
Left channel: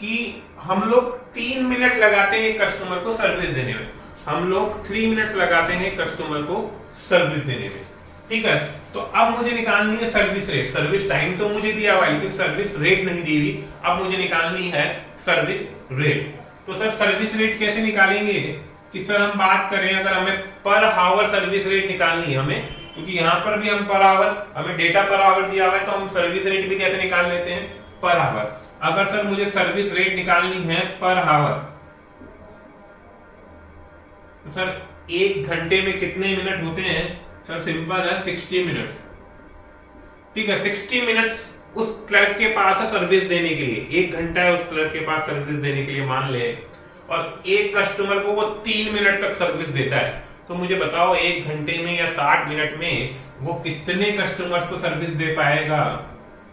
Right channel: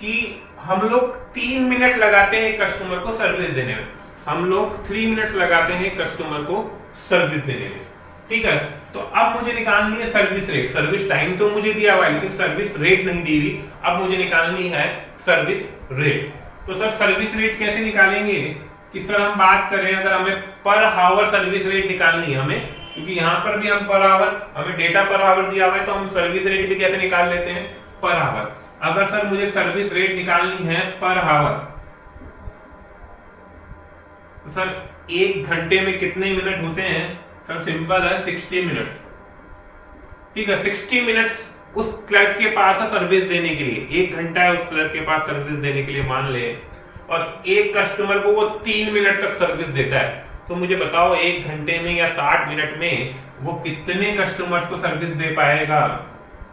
कि हम लोग 3 मिनट लगाते हैं कस्टमर को सर्विस देने में, हम लोग 3 मिनट लगाते हैं कस्टमर को सर्विस देने में, ठीक है। तो अब मुझे निकालनी है सर्विस रेट। सर्विस टाइम तो मुझे दिया हुआ है लेकिन सर्विस रेट नहीं दी हुई, अब मुझे निकालनी है सर्विस रेट। तो सर सर्विस रेट कैसे निकालेंगे कि सर हम बात करें अगर हमें पर आवर सर्विस रेट निकालनी है हमें, क्योंकि यहां पर भी हम पर आवर, हमें डेटा पर आवर दिया हुआ है तो हम सर्विस रेट भी कैसे निकाल लेते हैं, पर आवर। अगर सर मुझे सर्विस रेट निकालनी है पर आवर, तो सर 1 घंटे में कितने मिनट होते हैं, सर सिंपल है 60 मिनट्स, ठीक है। 60 मिनट्स उस क्लर्क के पास है सर्विस देने के लिए, 1 घंटा है उस क्लर्क के पास सर्विस देने के लिए मान ले, और एक कस्टमर को वो 3 मिनट तक सर्विस देता है। तो मुझे बताओ 1 घंटे में या 60 मिनट में वो कितने कस्टमर्स को सर्विस दे पाएगा,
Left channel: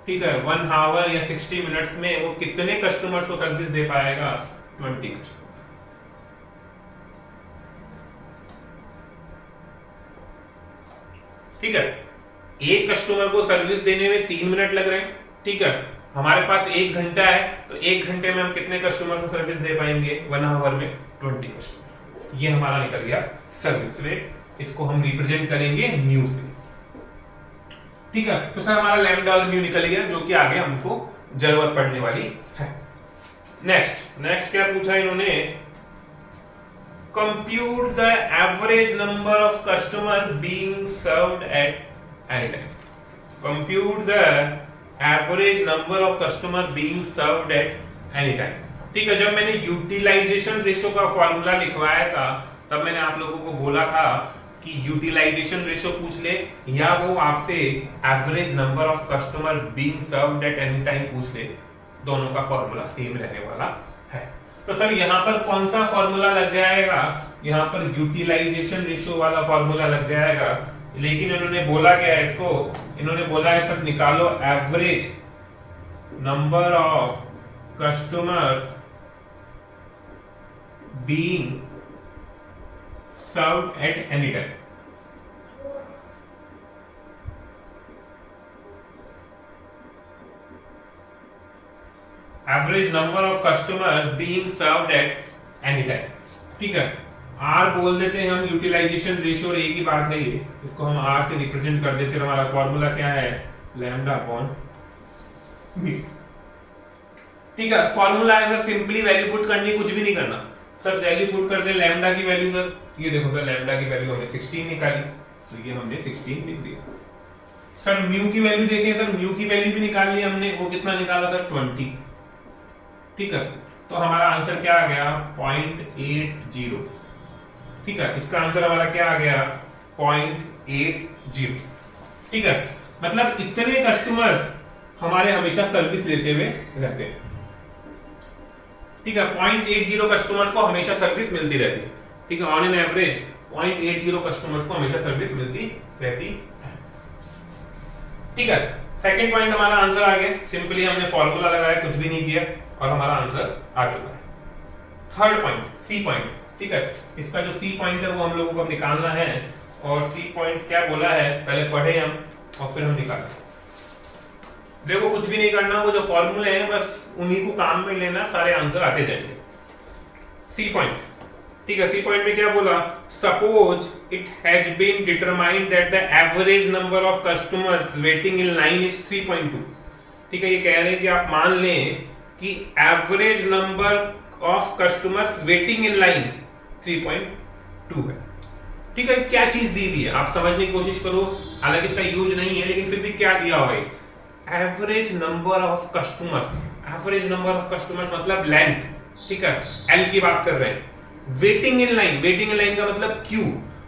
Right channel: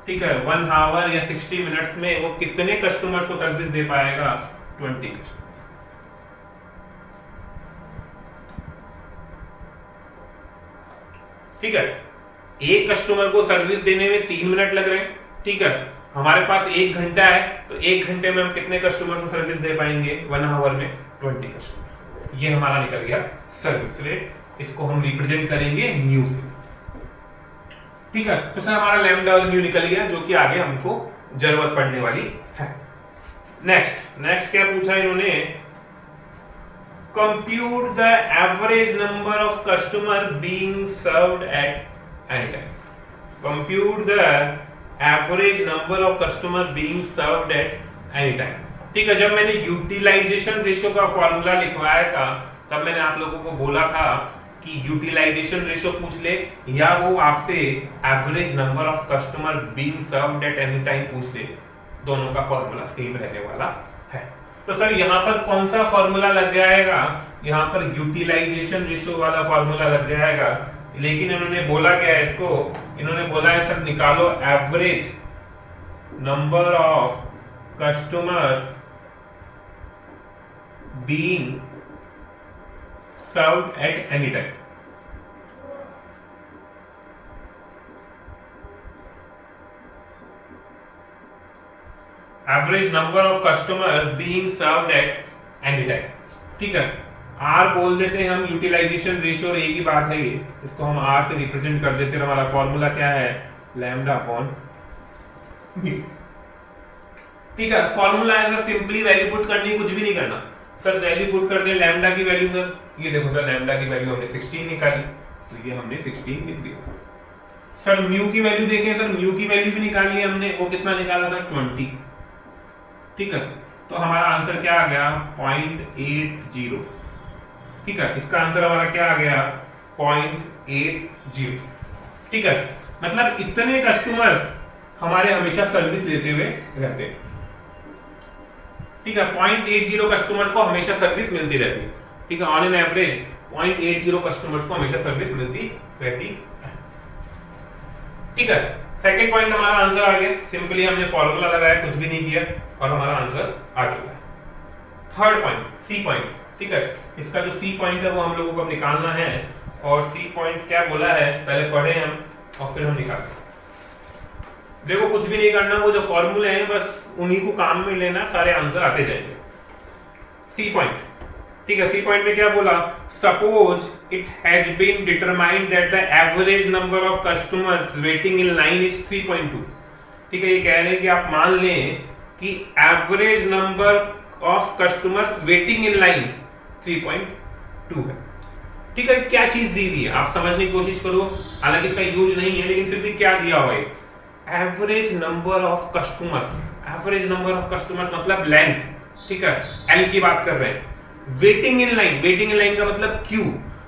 ठीक है। 1 आवर या 60 मिनट्स में वो कितने कस्टमर्स को सर्विस दे पाएगा, 20 कस्टमर्स, ठीक है। एक कस्टमर को सर्विस देने में 3 मिनट लग रहे हैं, ठीक है। हमारे पास 1 घंटा है तो 1 घंटे में हम कितने कस्टमर को सर्विस दे पाएंगे, 1 आवर में 20 कस्टमर। ये हमारा निकल गया सर्विस रेट। इसको हम रिप्रेजेंट करेंगे म्यू से, ठीक है। तो सर हमारा लैम्डा और म्यू निकल गया, जो कि आगे हमको जरूरत पड़ने वाली है। नेक्स्ट क्या पूछा इन्होंने, compute the average number of customer being served at any time. Compute the average number of customer being served at any time. ठीक है। जब मैंने यूटिलाइजेशन रेशियो का फॉर्मूला लिखवाया था तब मैंने आप लोगों को बोला था कि यूटिलाइजेशन रेशियो पूछ ले या वो आपसे average number of customer being served at any time पूछ ले, दोनों का फॉर्मूला सेम रहने वाला है। तो सर यहाँ पर कौन सा फॉर्मूला लग जाएगा, यहाँ पर यूटिलाइजेशन रेशियो वाला फॉर्मूला लग जाएगा। लेकिन इन्होंने बोला क्या है इसको, इन्होंने बोला है सर निकालो average number of customers being served at any time. Average number of customers being served at any time, ठीक है। आर बोल देते हैं हम, यूटिलाइजेशन रेशियो और एक ही बात है ये, इसको हम आर से रिप्रेजेंट कर देते हैं। हमारा फॉर्मूला क्या है, लैम्डा अपॉन म्यू, ठीक है। फॉर्मूला है सर सिंपली वैल्यू पुट करनी, कुछ भी नहीं करना सर। वैल्यू पुट कर दे लैम्डा की वैल्यू, सर ये देखो सर लैम्डा की वैल्यू हमने 16 निकाली, तो ये हमने 16 लिख दिया। सर म्यू की वैल्यू देखें, सर म्यू की वैल्यू भी निकाल ली हमने, वो कितना निकाला था, 20, ठीक है। तो हमारा आंसर क्या आ गया, 0.80, ठीक है। इसका आंसर हमारा क्या आ गया, 0.80, ठीक है। मतलब इतने कस्टमर्स हमारे हमेशा सर्विस लेते हुए रहते हैं, ठीक है। 0.80 कस्टमर्स को हमेशा सर्विस मिलती रहती है, ठीक है। ऑन एन एवरेज 0.80 कस्टमर्स को हमेशा सर्विस मिलती रहती है, ठीक है। सेकंड पॉइंट हमारा आंसर आ गया, सिंपली हमने फॉर्मूला लगाया, कुछ भी नहीं किया और हमारा आंसर आ चुका है। थर्ड पॉइंट, सी पॉइंट, ठीक है। इसका जो सी पॉइंट है वो हम लोगों को अब निकालना है, और सी पॉइंट क्या बोला है पहले पढ़े हम और फिर हम निकालते हैं। देखो कुछ भी नहीं करना, वो जो फॉर्मूले हैं बस उन्हीं को काम में लेना, सारे आंसर आते जाएंगे। सी पॉइंट, ठीक है। सी पॉइंट में क्या बोला, suppose it has been determined that the average number of customers waiting in line is 3.2, ठीक है। ये कह रहे हैं कि आप मान लें कि average number of customers waiting in line 3.2 है, ठीक है। क्या चीज दी हुई है आप समझने की कोशिश करो, हालांकि इसका यूज नहीं है लेकिन फिर भी क्या दिया हुआ है, average number of customers. Average number of customers मतलब लेंथ, ठीक है, एल की बात कर रहे हैं। Waiting in line, waiting in line का मतलब क्यू,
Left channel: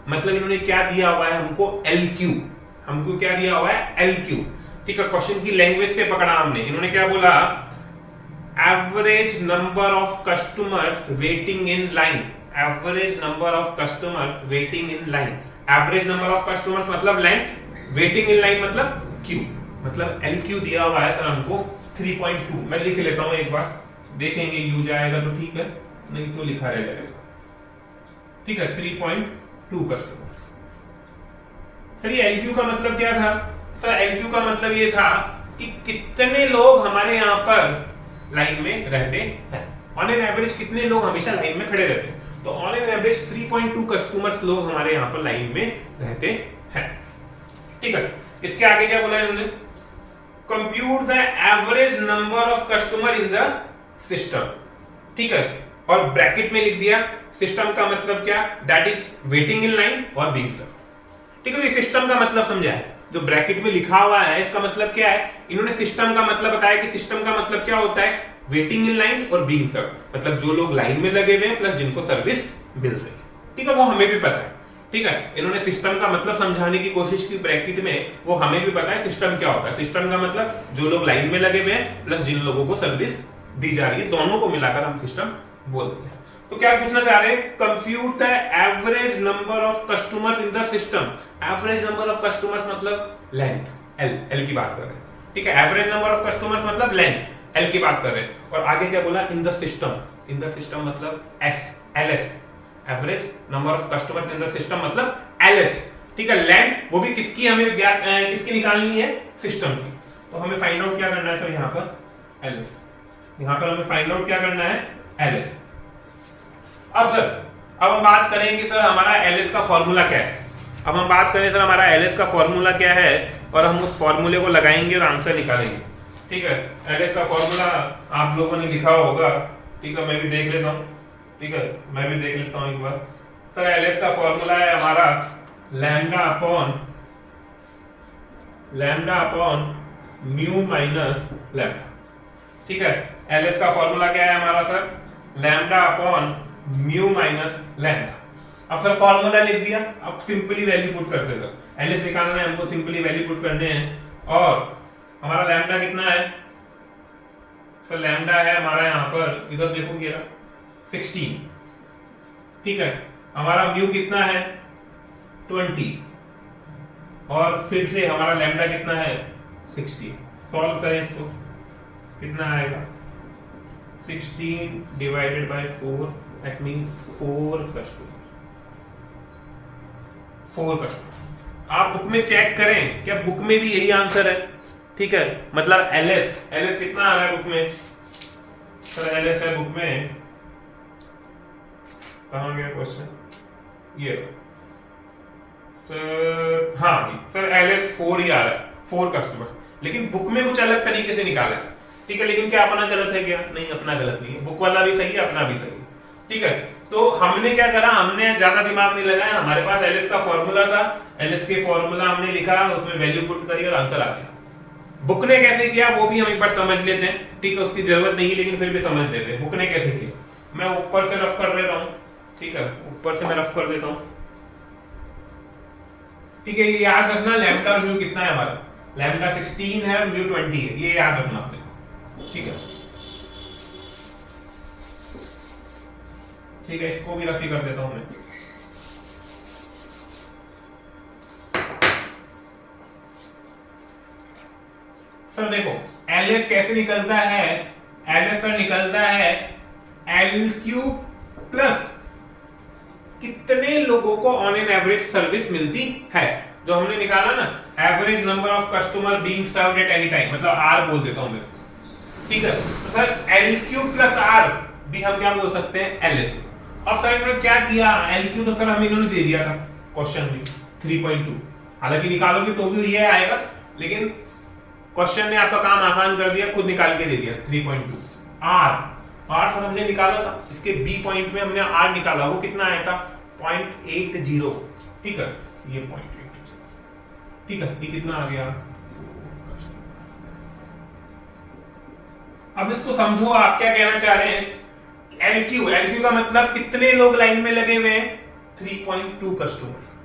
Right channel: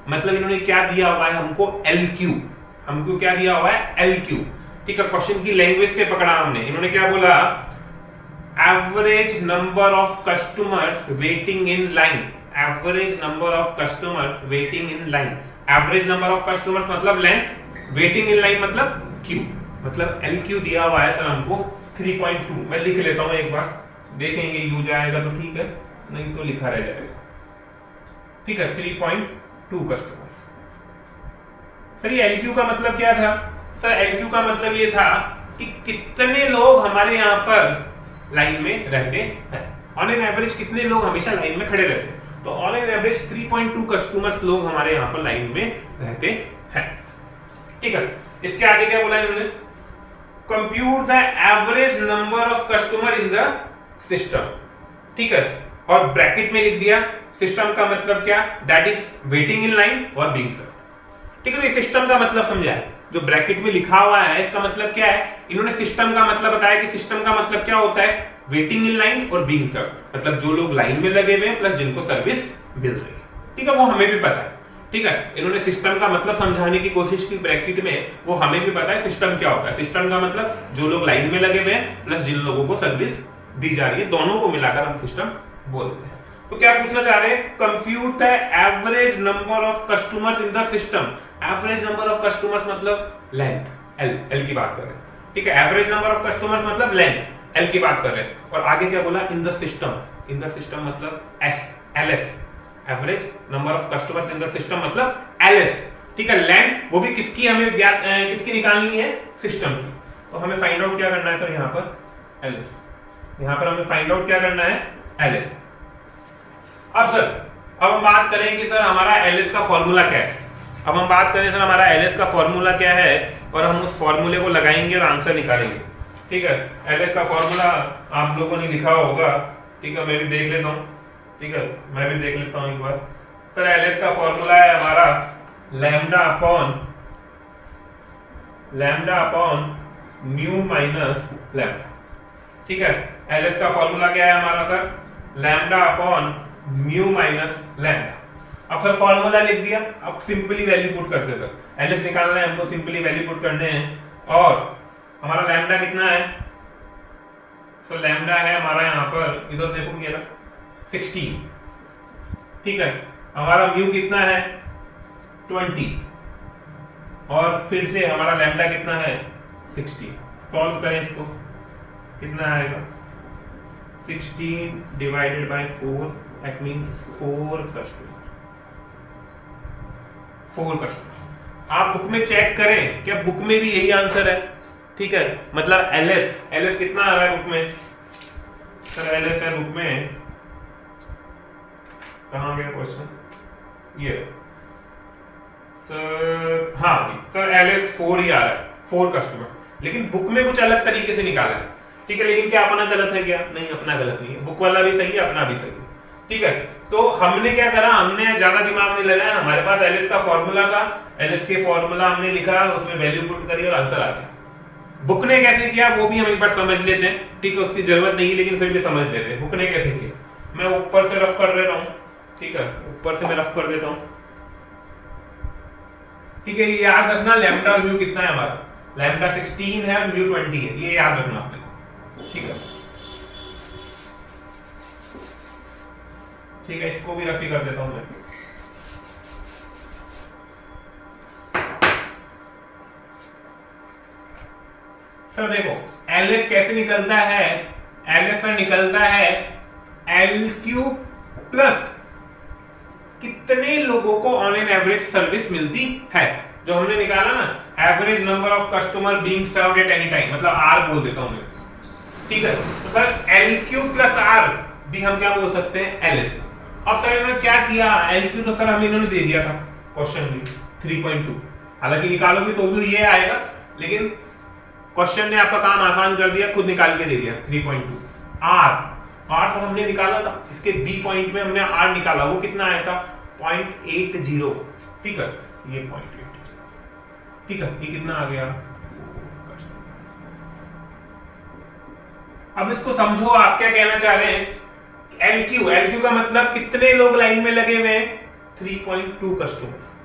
मतलब इन्होंने क्या दिया हुआ है हमको, एल क्यू, हमको क्या दिया हुआ है, एल क्यू, ठीक है। क्वेश्चन की लैंग्वेज से पकड़ा हमने, इन्होंने क्या बोला, average number of customers waiting in line, average number of customers waiting in line. Average number of customers मतलब लेंथ, वेटिंग इन लाइन मतलब क्यू, मतलब एल क्यू दिया हुआ है सर हमको 3.2। मैं लिख लेता हूं एक बार, देखेंगे यूज आएगा तो ठीक है, नहीं तो लिखा रह जाएगा। ठीक है, 3.2 कस्टमर्स। सर ये LQ का मतलब क्या था? सर LQ का मतलब ये था कि कितने लोग हमारे यहाँ पर लाइन में रहते हैं। ऑन एन एवरेज कितने लोग हमेशा लाइन में खड़े रहते हैं? तो ऑन एन एवरेज 3.2 कस्टमर्स लोग हमारे यहाँ पर लाइन में रहते हैं। ठीक है, इसके आगे क्या बोला इन्होंने? Compute the average number of customer in the system. ठीक है, और ब्रैकेट में लिख दिया सिस्टम का मतलब क्या? That is waiting in line और बीइंग सर्व्ड। ठीक है, तो ये सिस्टम का मतलब समझा है। जो ब्रैकेट में लिखा हुआ है इसका मतलब क्या है? इन्होंने सिस्टम का मतलब बताया कि सिस्टम का मतलब क्या होता है? वेटिंग इन लाइन और बीइंग सर्व्ड, मतलब जो लोग लाइन में लगे हुए हैं प्लस जिनको सर्विस मिल रही है। ठीक है, वो हमें भी पता है। ठीक है, इन्होंने सिस्टम का मतलब समझाने की कोशिश की ब्रैकेट में, वो हमें भी पता है सिस्टम क्या होता है। सिस्टम का मतलब जो लोग लाइन में लगे हुए हैं प्लस जिन लोगों को सर्विस दी जा रही है, दोनों को मिलाकर हम सिस्टम बोलते हैं। तो क्या पूछना चाह रहे हैं? Compute the average number of customers in the system. Average number of customers मतलब लेंथ, एल की बात कर रहे हैं। ठीक है, एवरेज नंबर ऑफ कस्टमर्स मतलब लेंथ, एल की बात कर रहे हैं। और आगे क्या बोला? In the system. In the system मतलब LS, average number of customers in the system मतलब LS। ठीक है, लेंथ वो भी किसकी हमें किसकी निकालनी है? सिस्टम की। तो हमें फाइंड आउट क्या करना है सर? यहाँ पर LS, यहाँ पर हमें फाइंड आउट क्या करना है? LS। अब हम बात करें कि सर हमारा LS का फॉर्मूला क्या है। अब हम बात करें सर हमारा LS का फॉर्मूला क्या है, और हम उस फॉर्मूले को लगाएंगे और आंसर निकालेंगे। ठीक है, LS का फॉर्मूला आप लोगों ने लिखा होगा। ठीक है, मैं भी देख लेता हूँ। ठीक है, मैं भी देख लेता हूँ एक बार। सर LS का फॉर्मूला है हमारा lambda upon mu minus lambda. ठीक है, LS का फॉर्मूला क्या है हमारा sir? Lambda upon mu minus lambda. अब सर फॉर्मूला लिख दिया, अब सिंपली वैल्यू पुट करते सर। LS निकालना है हमको, सिंपली वैल्यू पुट करने हैं। और हमारा लैम्डा कितना है सर? लैम्डा है हमारा यहाँ पर, इधर देखो ये 16। ठीक है, हमारा म्यू कितना है? 20। और फिर से हमारा लैम्डा कितना है? 60। सॉल्व करें इसको, कितना आएगा? 16 divided by 4, that means 4 customer. आप बुक में चेक करें, क्या बुक में भी यही आंसर है? ठीक है, मतलब LS कितना आ रहा है बुक में? सर LS है बुक में, कहाँ गया क्वेश्चन? ये सर, हाँ जी सर, LS 4 ही आ रहा है, 4 कस्टमर। लेकिन बुक में कुछ अलग तरीके से निकाला है। ठीक है, लेकिन क्या अपना गलत है क्या? नहीं, अपना गलत नहीं है, बुक वाला भी सही है, अपना भी सही है। ठीक है, तो हमने क्या करा? हमने ज्यादा दिमाग नहीं लगाया, हमारे पास LS का फॉर्मूला था, LS के फॉर्मूला हमने लिखा, उसमें वैल्यू पुट करी और आंसर आ गया। बुक ने कैसे किया वो भी हम एक बार समझ लेते हैं। ठीक है, उसकी जरूरत नहीं है लेकिन फिर भी समझ लेते हैं बुक ने कैसे किया। मैं ऊपर से रफ कर देता हूँ। ठीक है, ऊपर से मैं रफ कर देता हूँ। ठीक है, ये याद रखना लैम्डा और म्यू कितना है हमारा? लैम्डा 16 है और म्यू 20 है, ये याद रखना आपने। ठीक है, ठीक है, इसको भी रफी कर देता हूं मैं। सर देखो LS कैसे निकलता है? LS सर निकलता है LQ प्लस कितने लोगों को ऑन एन एवरेज सर्विस मिलती है, जो हमने निकाला ना, average number of customer being served at any time, मतलब R बोल देता हूं मैं। ठीक है, तो सर LQ प्लस R भी हम क्या बोल सकते हैं? LS। अब सर इन्होंने क्या किया? LQ तो सर हमें इन्होंने दे दिया था क्वेश्चन में 3.2, हालांकि निकालोगे तो भी ये आएगा, लेकिन क्वेश्चन ने आपका काम आसान कर दिया, खुद निकाल के दे दिया 3.2। R सर हमने निकाला था, इसके B पॉइंट में हमने R निकाला, वो कितना आया था? 0.80। ठीक है, ये 0.80। ठीक है, ये कितना आ गया? अब इसको समझो, आप क्या कहना चाह रहे हैं? LQ का मतलब कितने लोग लाइन में लगे हुए हैं? 3.2 कस्टमर्स।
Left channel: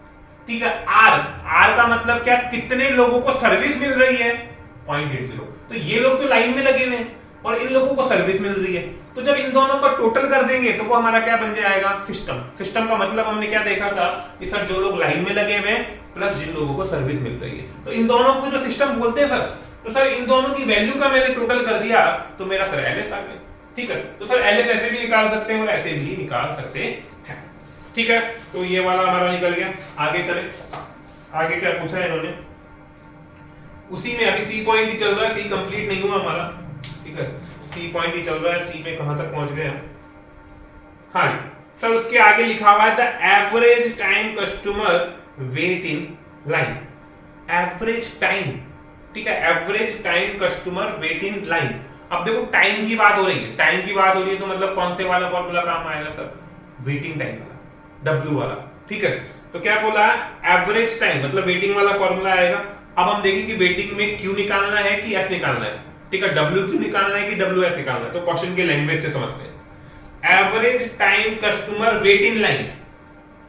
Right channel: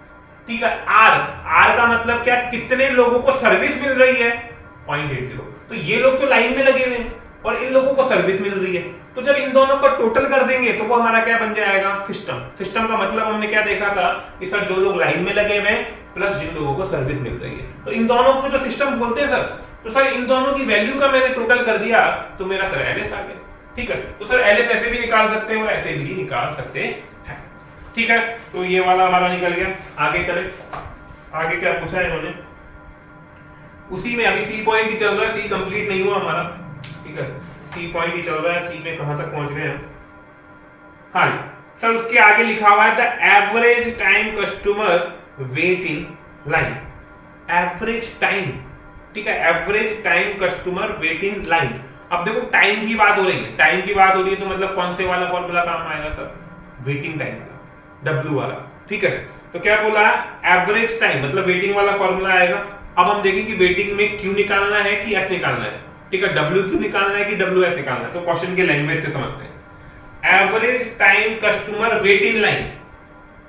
ठीक है, R का मतलब क्या? कितने लोगों को सर्विस मिल रही है? 0.80। तो ये लोग तो लाइन में लगे हुए हैं और इन लोगों को सर्विस मिल रही है, तो जब इन दोनों का टोटल कर देंगे तो वो हमारा क्या बन जाएगा? सिस्टम का मतलब हमने क्या देखा था कि सर जो लोग लाइन में लगे हुए हैं प्लस जिन लोगों को सर्विस मिल रही है, तो इन दोनों को जो सिस्टम बोलते हैं सर, तो सर इन दोनों की वैल्यू का मैंने टोटल कर दिया तो मेरा सर LS आ गया। ठीक है, तो सर LS ऐसे भी निकाल सकते हैं और ऐसे भी निकाल सकते हैं। ठीक है, तो ये वाला हमारा निकल गया। आगे चले, आगे क्या पूछा है इन्होंने, उसी में अभी सी पॉइंट ही चल रहा है, सी कंप्लीट नहीं हुआ हमारा, ठीक है, सी पॉइंट ही चल रहा है, सी में कहां तक पहुंच गए हम। हाँ जी सर, उसके आगे लिखा हुआ है the average time customer wait in line, average time, ठीक है, average time customer wait in line. अब देखो टाइम की बात हो रही है, टाइम की बात हो रही है तो मतलब कौन से वाला फॉर्मूला काम आएगा सर, वेटिंग टाइम वाला, W वाला, ठीक है। तो क्या बोला, एवरेज टाइम मतलब वेटिंग वाला फॉर्मूला आएगा। अब हम देखेंगे कि वेटिंग में Q निकालना है कि S निकालना है, ठीक है, WQ निकालना है कि WS निकालना है। तो क्वेश्चन के लैंग्वेज से समझते हैं। Average time customer wait in line,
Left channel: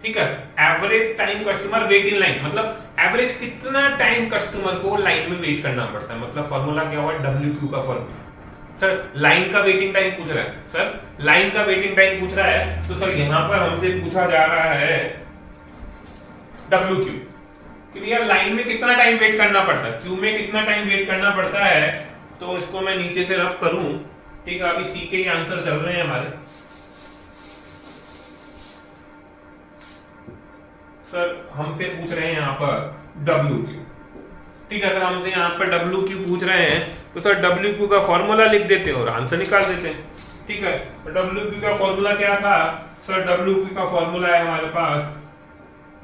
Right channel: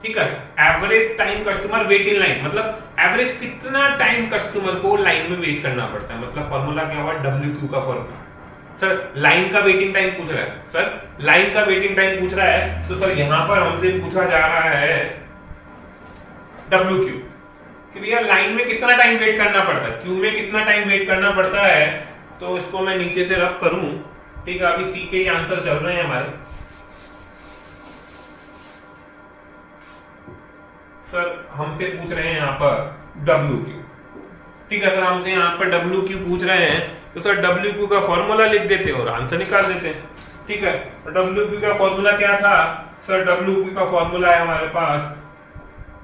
ठीक है, average time customer wait in line मतलब एवरेज कितना टाइम कस्टमर को लाइन में वेट करना पड़ता है, मतलब फॉर्मूला क्या हुआ, WQ का फॉर्मूला। सर लाइन का वेटिंग टाइम पूछ रहा है, सर लाइन का वेटिंग टाइम पूछ रहा है, तो सर यहां पर हमसे पूछा जा रहा है WQ कि भैया लाइन में कितना टाइम वेट करना पड़ता है, क्यू में कितना टाइम वेट करना पड़ता है। तो इसको मैं नीचे से रफ करूं, ठीक है, अभी सी के ही आंसर चल रहे हैं हमारे। सर हमसे पूछ रहे हैं यहाँ पर WQ, ठीक है सर, हमसे यहाँ पर WQ पूछ रहे हैं, तो सर WQ का फॉर्मूला लिख देते हैं और आंसर निकाल देते हैं, ठीक है। तो WQ का फॉर्मूला क्या था सर, WQ का फॉर्मूला है हमारे पास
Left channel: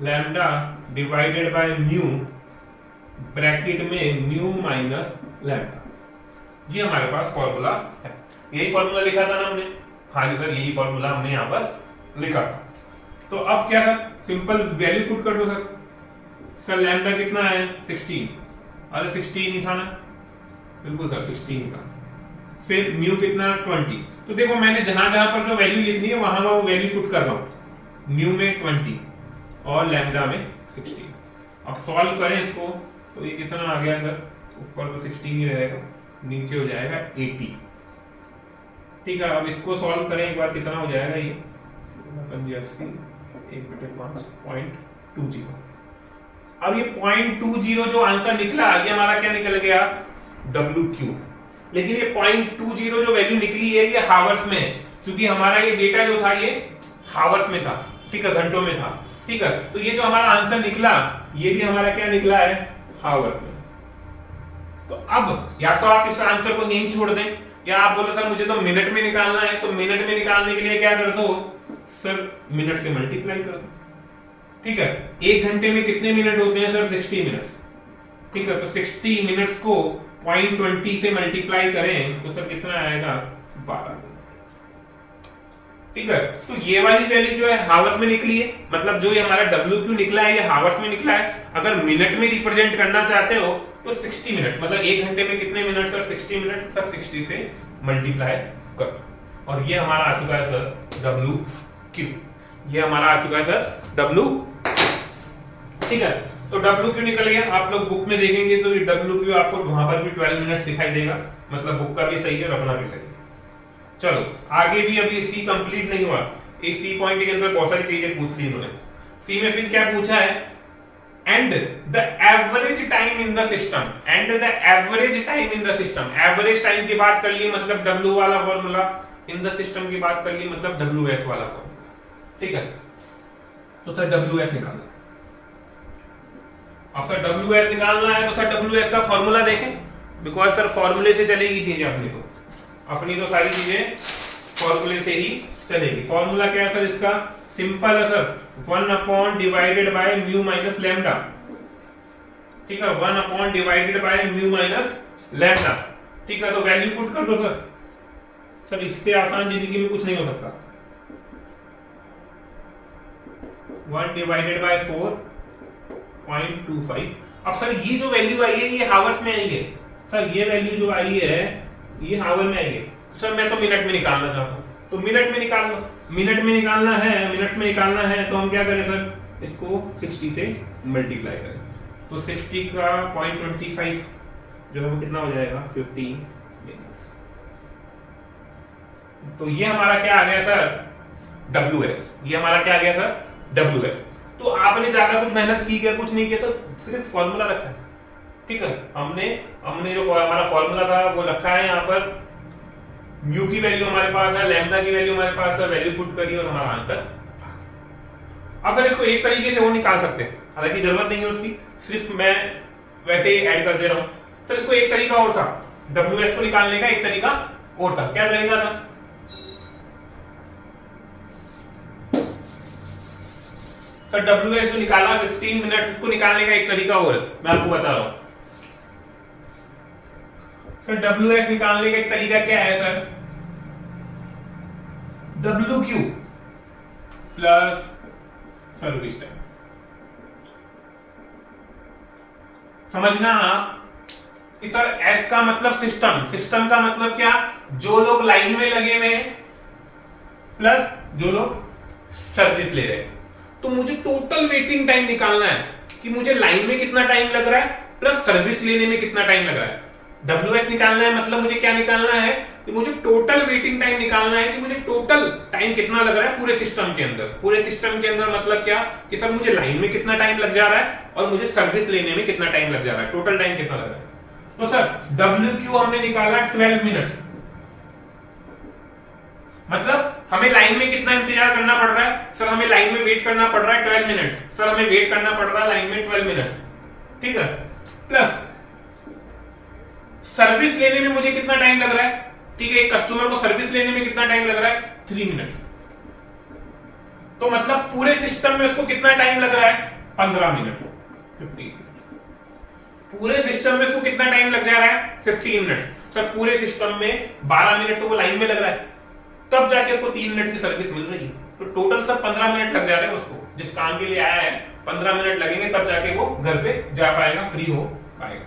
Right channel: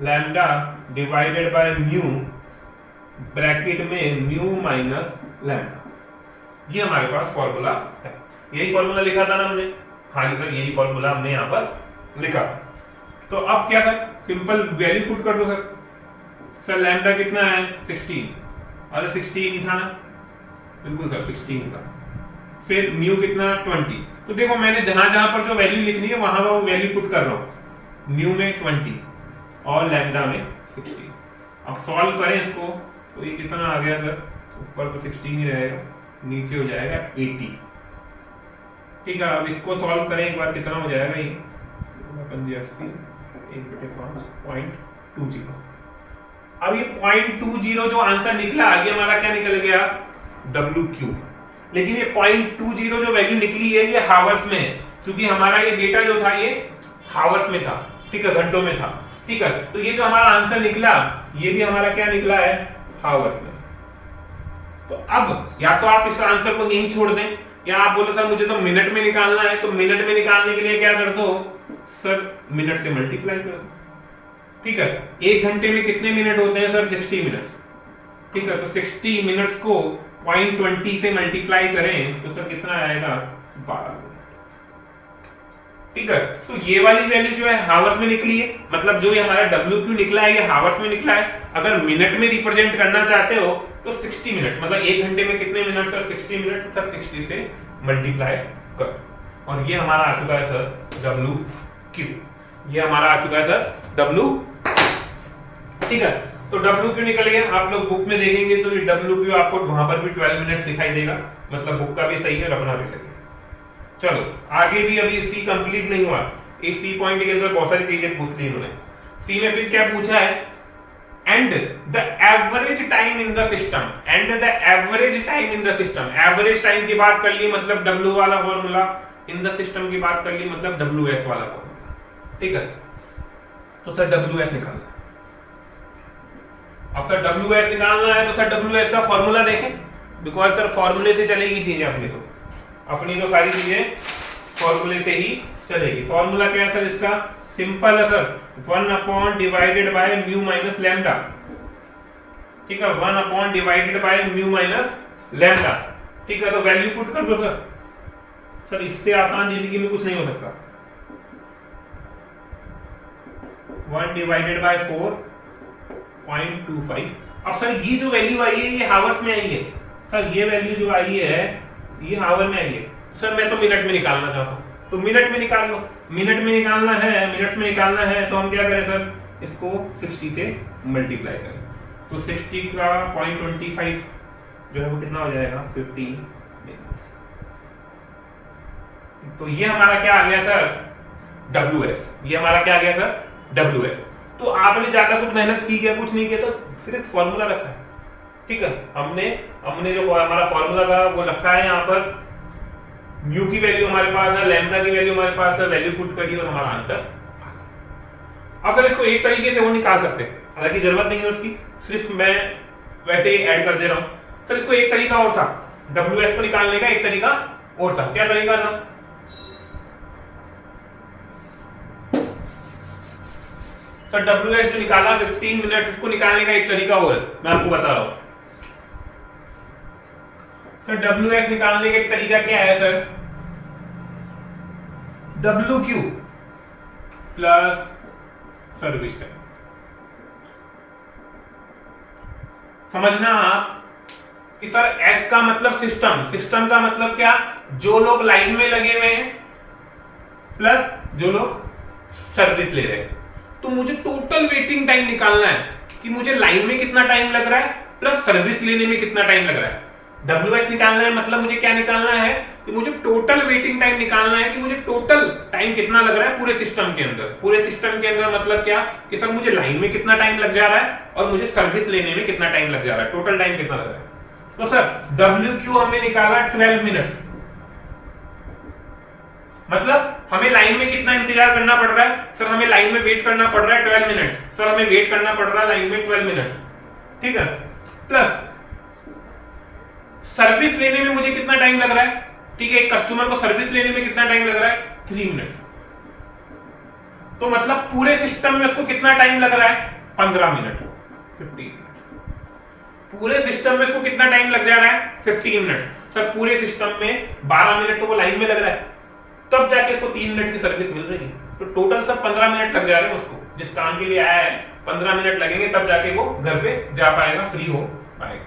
lambda divided by mu, bracket में म्यू माइनस लैम्डा, ये हमारे पास फॉर्मूला है। यही फॉर्मूला लिखा था ना हमने, हाँ जी सर, यही फॉर्मूला हमने यहाँ पर लिखा। तो अब क्या सर, सिंपल वैल्यू पुट कर दो सर। सर लैम्डा कितना है 16, अरे 16 ही था ना, बिल्कुल सर 16 था। फिर म्यू कितना 20, तो देखो मैंने जहां जहां पर जो वैल्यू लिखनी है वहां वो वैल्यू पुट कर रहा हूं, म्यू में 20 और लैम्डा में 16। अब सॉल्व करें इसको, तो ये कितना आ गया सर, ऊपर तो 16 ही रहेगा, नीचे हो जाएगा 80, ठीक है। अब इसको सॉल्व करें एक बार, कितना हो जाएगा ये 1/5.20। अब ये 0.20 जो आंसर निकला, ये हमारा क्या निकल गया, WQ। लेकिन ये 0.20 जो वैल्यू निकली है ये हावर्स में है, क्योंकि हमारा ये डेटा जो था ये हावर्स में था, ठीक है, घंटों में था, ठीक है। तो ये जो हमारा आंसर निकला ये भी हमारा क्या निकला है, हावर्स में। तो अब या तो आप इस आंसर को नहीं छोड़ दें, या आप बोलो सर मुझे तो मिनट में निकालना है, तो मिनट में निकालने के लिए क्या कर दो सर, मिनट से मल्टीप्लाई कर दो, ठीक है। एक घंटे में कितने मिनट होते हैं सर, 60 मिनट, ठीक है। तो 60 मिनट्स को 0.20 से मल्टीप्लाई करें तो सर कितना आएगा, 12, ठीक है। तो ये वाली वैल्यू जो है हावर्स में निकली है, मतलब जो ये हमारा WQ निकला है ये हावर्स में निकला है। अगर मिनट में रिप्रेजेंट करना चाहते हो तो 60 मिनट, मतलब एक घंटे में कितने मिनट सर, 60 मिनट, सर 60 से मल्टीप्लाई कर, और ये हमारा आ चुका है सर WQ, ये हमारा आ चुका है सर WQ, ठीक है। तो WQ निकल गया, आप लोग बुक में देखेंगे तो ये WQ आपको वहां पर भी 12 मिनट दिखाई देगा, मतलब बुक का भी सही है और अपना भी सही है। चलो आगे भी, अभी सी कंप्लीट नहीं हुआ, इस सी पॉइंट के अंदर बहुत सारी चीजें पूछ ली उन्होंने। सी में फिर क्या पूछा है, and the average time in the system, and the average time in the system, average time की बात कर ली मतलब W वाला फॉर्मूला, इन द सिस्टम की बात कर ली मतलब WS वाला फॉर्मूला, ठीक है। तो सर WS निकालना, अब सर WS निकालना है तो सर WS का फॉर्मूला देखें, बिकॉज सर फॉर्मूले से चलेगी चीजें अपनी तो सारी चीजें फॉर्मूले से ही चलेगी। फॉर्मूला क्या है सर इसका, सिंपल है sir, 1 upon divided by mu minus lambda, ठीक है, 1 upon divided by mu minus lambda, ठीक है। तो वैल्यू पुट कर दो सर, सर इससे आसान जिंदगी में कुछ नहीं हो सकता। 1 डिवाइडेड बाय 4.25। अब सर ये जो वैल्यू आई है ये हावर्स में आई है, सर ये वैल्यू जो आई है ये हावर में आई है। सर मैं तो मिनट में निकालना चाहता हूं, तो मिनट में निकाल लो, मिनट में निकालना है, मिनट्स में निकालना है तो हम क्या करें सर, इसको 60 से मल्टीप्लाई करें, तो 60 का 0.25 जो है वो कितना हो जाएगा, 15 मिनट्स। तो ये हमारा क्या आ गया सर, WS, ये हमारा क्या आ गया सर, WS। तो आपने ज्यादा कुछ मेहनत की है, कुछ नहीं किया, तो सिर्फ फॉर्मूला रखा है, ठीक है। हमने जो हमारा फॉर्मूला था वो रखा है यहाँ पर, म्यू की वैल्यू हमारे पास है, लैम्डा की वैल्यू हमारे पास है, वैल्यू पुट करी और हमारा आंसर। अब सर इसको एक तरीके से वो निकाल सकते हैं, हालांकि जरूरत नहीं है उसकी, सिर्फ मैं वैसे ही ऐड कर दे रहा हूं। सर इसको एक तरीका और था WS को निकालने का, एक तरीका और था। क्या तरीका था? सर WS जो निकाला 15 मिनट्स, इसको निकालने का एक तरीका और है, मैं आपको बता रहा हूं। सर WS निकालने का एक तरीका क्या है sir? WQ plus service time. समझना आप कि सर S का मतलब सिस्टम, सिस्टम का मतलब क्या? जो लोग लाइन में लगे हुए हैं प्लस जो लोग सर्विस ले रहे हैं। तो मुझे टोटल वेटिंग टाइम निकालना है कि मुझे लाइन में कितना टाइम लग रहा है प्लस सर्विस लेने में कितना टाइम लग रहा है। WS निकालना है मतलब मुझे क्या निकालना है कि मुझे टोटल वेटिंग टाइम निकालना है कि मुझे टोटल टाइम कितना लग रहा है पूरे सिस्टम के अंदर। पूरे सिस्टम के अंदर मतलब क्या कि सर मुझे लाइन में कितना टाइम लग जा रहा है और मुझे सर्विस लेने में कितना टाइम लग जा रहा है, टोटल टाइम कितना लग रहा है। तो सर WQ हमने निकाला 12 मिनट्स, मतलब हमें लाइन में कितना इंतजार करना पड़ रहा है? सर हमें लाइन में वेट करना पड़ रहा है 12 मिनट्स। सर हमें वेट करना पड़ रहा है लाइन में 12 मिनट्स, ठीक है। प्लस सर्विस लेने में मुझे कितना टाइम लग रहा है, ठीक है, एक कस्टमर को सर्विस लेने में कितना टाइम लग रहा है? 3 मिनट्स। तो मतलब पूरे सिस्टम में उसको कितना टाइम लग रहा है? 15 मिनट, 15 मिनट्स। पूरे सिस्टम में उसको कितना टाइम लग जा रहा है? 15 मिनट्स। सर पूरे सिस्टम में 12 मिनट तो वो लाइन में लग रहा है, तब जाके उसको 3 मिनट की सर्विस मिल रही है। तो टोटल सब 15 मिनट लग जा रहे हैं उसको, जिस काम के लिए आया है 15 मिनट लगेंगे, तब जाके वो घर पे जा पाएगा, फ्री हो पाएगा,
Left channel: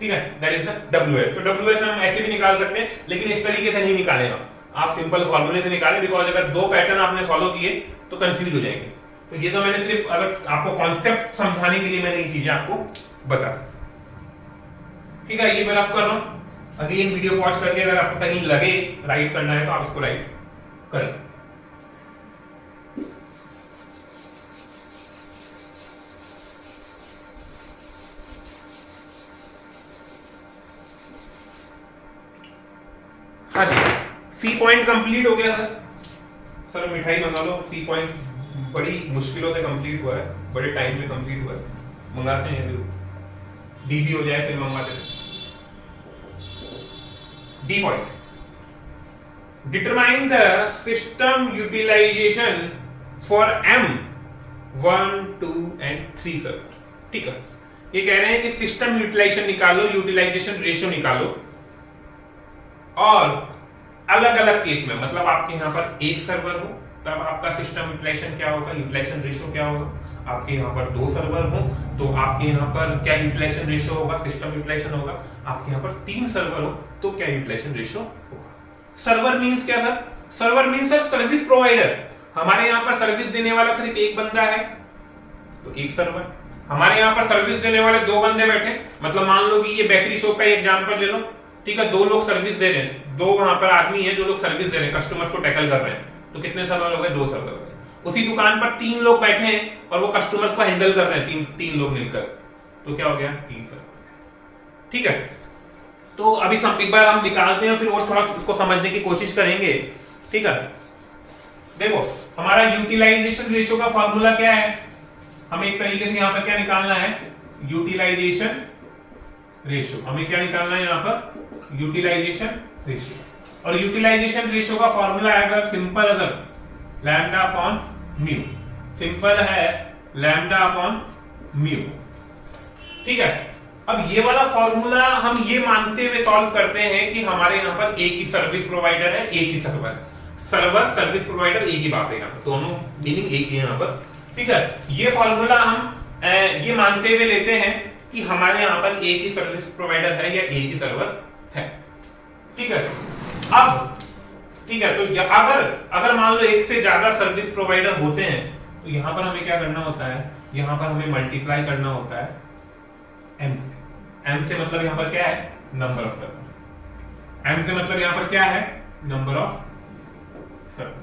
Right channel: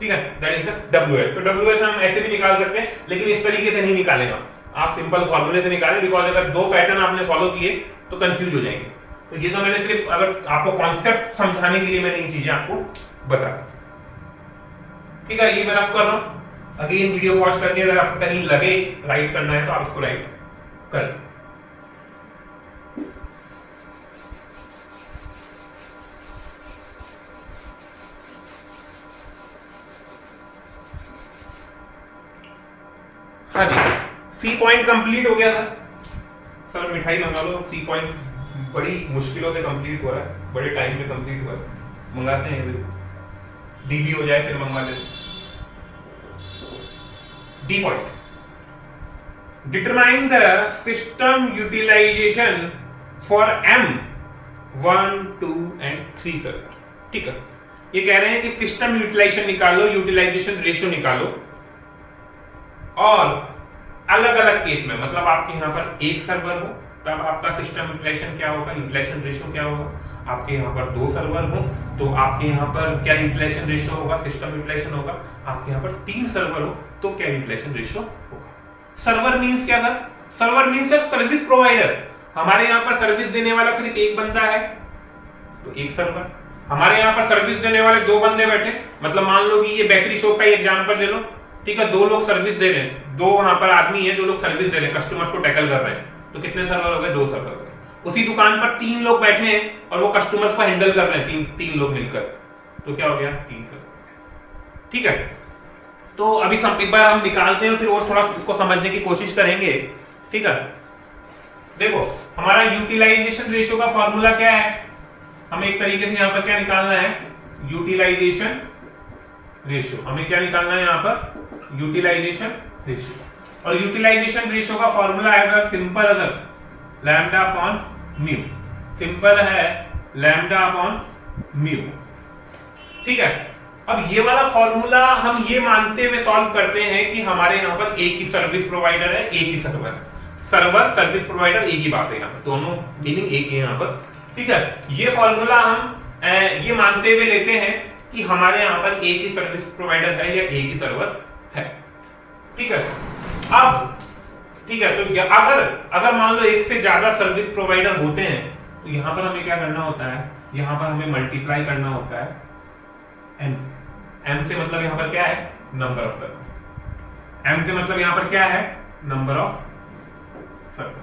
ठीक है। That is the WS। तो WS हम ऐसे भी निकाल सकते हैं, लेकिन इस तरीके से नहीं निकालेगा, आप सिंपल फॉर्मूले से निकालें, बिकॉज अगर दो पैटर्न आपने फॉलो किए तो कंफ्यूज हो जाएंगे। तो ये तो मैंने सिर्फ अगर आपको कॉन्सेप्ट समझाने के लिए मैंने ये चीजें आपको बता, ठीक है। ये मैं आपको कर रहा हूं, अगेन वीडियो वॉच करके अगर आपको कहीं लगे राइट करना है तो आप इसको राइट कर। हाँ जी, सी पॉइंट कंप्लीट हो गया सर। सर मिठाई मंगा लो, सी पॉइंट बड़ी मुश्किलों से कंप्लीट हुआ है, बड़े टाइम में कंप्लीट हुआ है, मंगाते हैं, डीबी हो जाए फिर मंगवा लेते। D point, determine the system utilization for M1, 2 and 3 server, ठीक है। ये कह रहे हैं कि सिस्टम यूटिलाइजेशन निकालो, यूटिलाइजेशन रेशियो निकालो, और अलग अलग केस में, मतलब आपके यहां पर एक सर्वर हो तब आपका सिस्टम यूटिलाइजेशन क्या होगा, यूटिलाइजेशन रेशियो क्या होगा। आपके यहां पर 2 सर्वर हो तो आपके यहां पर क्या यूटिलाइजेशन रेशियो होगा, सिस्टम यूटिलाइजेशन होगा। आपके यहां पर 3 सर्वर हो तो क्या यूटिलाइजेशन रेशियो होगा। सर्वर मींस क्या sir? Server means sir service provider. हमारे यहां पर सर्विस देने वाला सिर्फ एक बंदा है तो एक सर्वर। हमारे यहां पर सर्विस देने वाले 2 बंदे बैठे, मतलब मान लो कि ये बेकरी शॉप का एग्जांपल ले लो, ठीक है। 2 लोग सर्विस दे रहे हैं, 2 वहां पर आदमी है जो लोग सर्विस दे रहे हैं, कस्टमर्स को टैकल कर रहे हैं, तो कितने सर्वर हो गए? 2 सर्वर हो गए। उसी दुकान पर 3 लोग बैठे हैं और वो कस्टमर्स को हैंडल कर रहे हैं, तीन लोग मिलकर, तो क्या हो गया? 3 सर्वर, ठीक है। तो अभी एक बार हम निकालते हैं, फिर और थोड़ा इसको समझने की कोशिश करेंगे, ठीक है। देखो हमारा यूटिलाइजेशन रेशियो का फॉर्मूला क्या है, हमें एक तरीके से यहाँ पर क्या निकालना है? Utilization ratio. हमें क्या निकालना है यहाँ पर? Utilization ratio. और यूटिलाइजेशन रेशियो का फॉर्मूला है सिंपल, अगर लैम्डा अपॉन म्यू, सिंपल है लैम्डा अपॉन म्यू, ठीक है। अब ये वाला फॉर्मूला हम ये मानते हुए सॉल्व करते हैं कि हमारे यहाँ पर एक ही सर्विस प्रोवाइडर है, एक ही सर्वर, सर्वर सर्विस प्रोवाइडर एक ही बात है, यहाँ पर दोनों मीनिंग एक ही है यहाँ पर, ठीक है। ये फॉर्मूला हम ये मानते हुए लेते हैं कि हमारे यहाँ पर एक ही सर्विस प्रोवाइडर है या एक ही सर्वर है, ठीक है। अब ठीक है, तो अगर मान लो एक से ज्यादा सर्विस प्रोवाइडर होते हैं तो यहाँ पर हमें क्या करना होता है? यहाँ पर हमें मल्टीप्लाई करना होता है M से। M से मतलब यहाँ पर क्या है? Number of server. M से मतलब यहाँ पर क्या है? नंबर ऑफ सर्वर,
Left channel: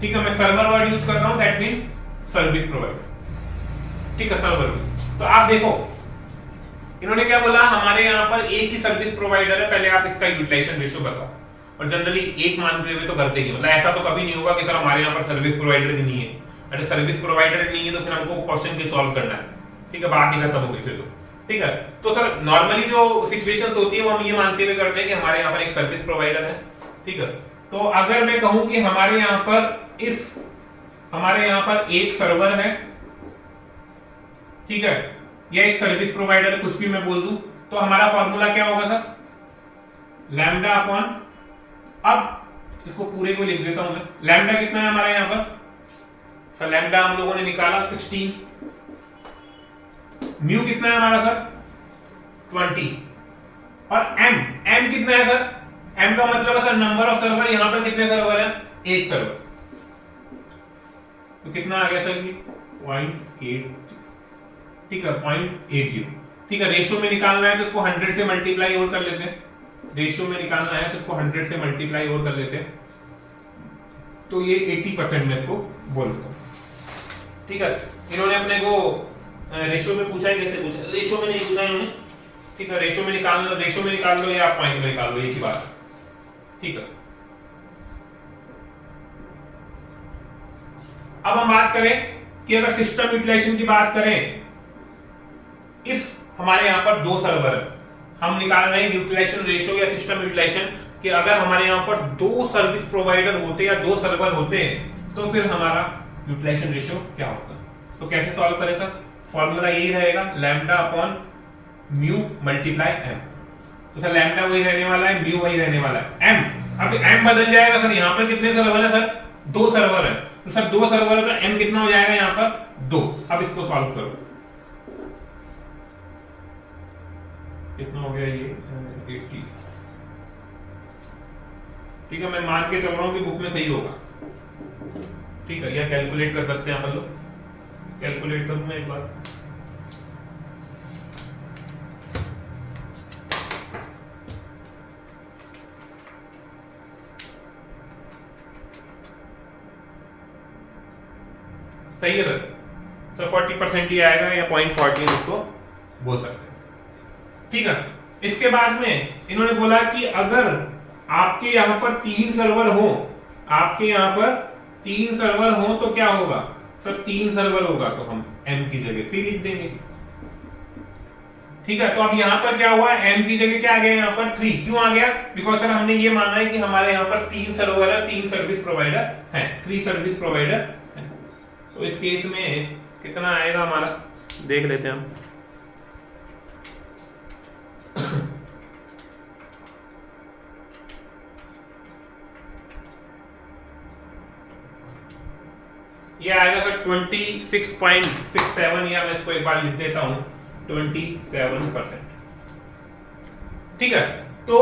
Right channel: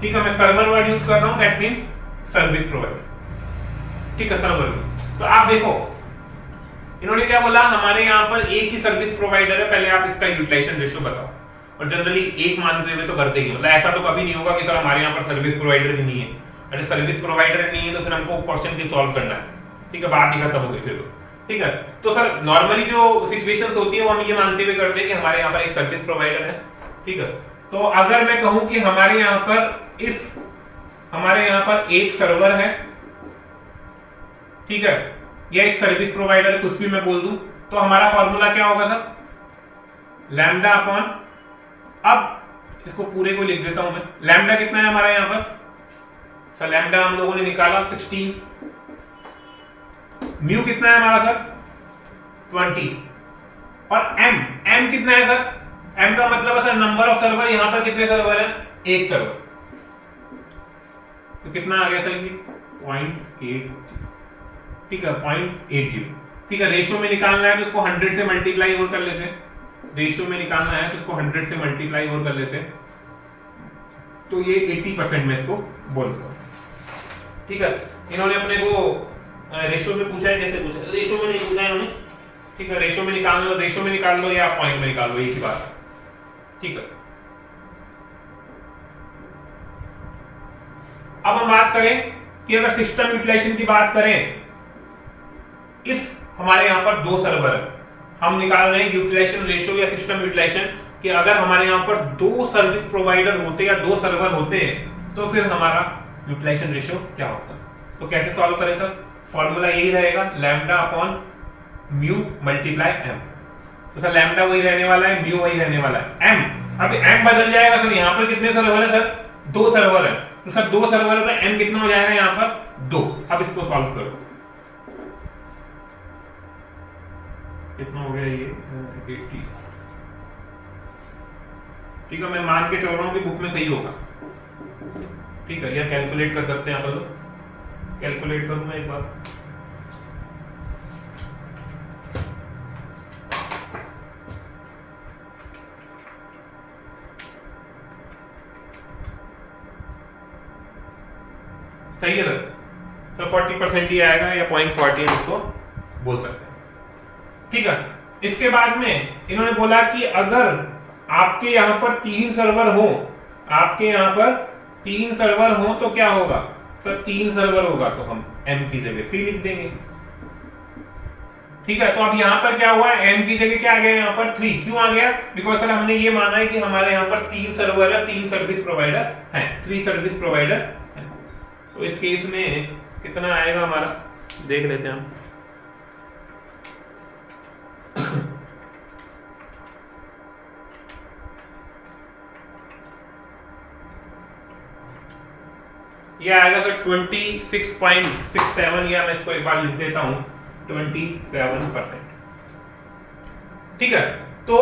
ठीक है। मैं सर्वर वर्ड यूज कर रहा हूं, दैट मींस सर्विस प्रोवाइडर, ठीक है, सर्वर। तो आप देखो इन्होंने क्या बोला, हमारे यहाँ पर एक ही सर्विस प्रोवाइडर है, पहले आप इसका यूटिलाइजेशन रेशियो बताओ। और जनरली एक मानते हुए तो करते ही, मतलब ऐसा तो कभी नहीं होगा कि सर हमारे यहाँ पर सर्विस प्रोवाइडर ही नहीं है। अरे सर्विस प्रोवाइडर नहीं है तो फिर हमको क्वेश्चन की सॉल्व करना है, ठीक है, बात ही खत्म हो गई फिर तो, ठीक है। तो सर नॉर्मली जो सिचुएशंस होती है वो हम ये मानते हुए करते हैं कि हमारे यहाँ पर एक सर्विस प्रोवाइडर है, ठीक है। तो अगर मैं कहूं कि हमारे यहाँ पर इफ हमारे यहाँ पर एक सर्वर है, ठीक है, या एक सर्विस प्रोवाइडर, कुछ भी मैं बोल दूं, तो हमारा फॉर्मूला क्या होगा सर, लैम्डा अपॉन, अब इसको पूरे को लिख देता हूं मैं, लैम्डा कितना है हमारा यहाँ पर सर, लैम्डा हम लोगों ने निकाला 16, म्यू कितना है हमारा सर 20, और एम कितना है सर, एम का मतलब है सर नंबर ऑफ सर्वर, यहां पर कितने सर्वर है, एक सर्वर, तो कितना आ गया सर ये 0.8, ठीक है 0.80, ठीक है। रेशियो में निकालना है तो इसको 100 से मल्टीप्लाई और कर लेते हैं, रेशियो में निकालना है तो इसको 100 से मल्टीप्लाई और कर लेते हैं, तो ये 80% में इसको बोल देता हूं, ठीक है। इन्होंने अपने को रेशियो में पूछा है, कैसे पूछा, रेशियो में नहीं पूछा इन्होंने, ठीक है, रेशियो में निकाल लो, रेशियो में निकाल लो या पॉइंट में निकाल लो, एक ही बात, ठीक है। अब हम बात करें कि अगर सिस्टम यूटिलाइजेशन की बात करें, इफ हमारे यहां पर दो सर्वर है, हम निकाल रहे हैं यूटिलाइजेशन रेशियो या सिस्टम यूटिलाइजेशन, कि अगर हमारे यहां पर दो सर्विस प्रोवाइडर होते या दो सर्वर होते हैं तो फिर हमारा यूटिलाइजेशन रेशियो क्या होता है। तो कैसे सॉल्व करें सर, फॉर्मूला यही रहेगा, lambda upon mu multiply M. तो सर लैम्डा वही रहने वाला है, म्यू वही रहने वाला है, एम, अब एम बदल जाएगा सर, यहां पर कितने सर्वर है सर, दो सर्वर है, तो सर दो सर्वर है तो एम कितना हो जाएगा यहां पर 2। अब इसको सॉल्व करो, कितना हो गया ये 80, ठीक है, मैं मान के चल रहा हूं कि बुक में सही होगा, ठीक है, या कैलकुलेट कर सकते हैं आप लोग, कैलकुलेट करूं मैं एक बार, सही है सर 40% ही आएगा या 0.40 इसको बोल सकते हैं, ठीक है। इसके बाद में इन्होंने बोला कि अगर आपके यहां पर 3 सर्वर हो, आपके यहां पर 3 सर्वर हो तो क्या होगा सर, 3 सर्वर होगा तो हम m की जगह 3 लिख देंगे, ठीक है। तो अब यहां पर क्या हुआ, m की जगह क्या आ गया यहाँ पर 3, क्यों आ गया, बिकॉज सर हमने ये माना है कि हमारे यहाँ पर 3 सर्वर है, 3 सर्विस प्रोवाइडर हैं, 3 सर्विस प्रोवाइडर हैं। तो इस केस में कितना आएगा हमारा, देख लेते हैं हम, ये आएगा सर 26.67, या मैं इसको एक बार लिख देता हूं 27%, ठीक है। तो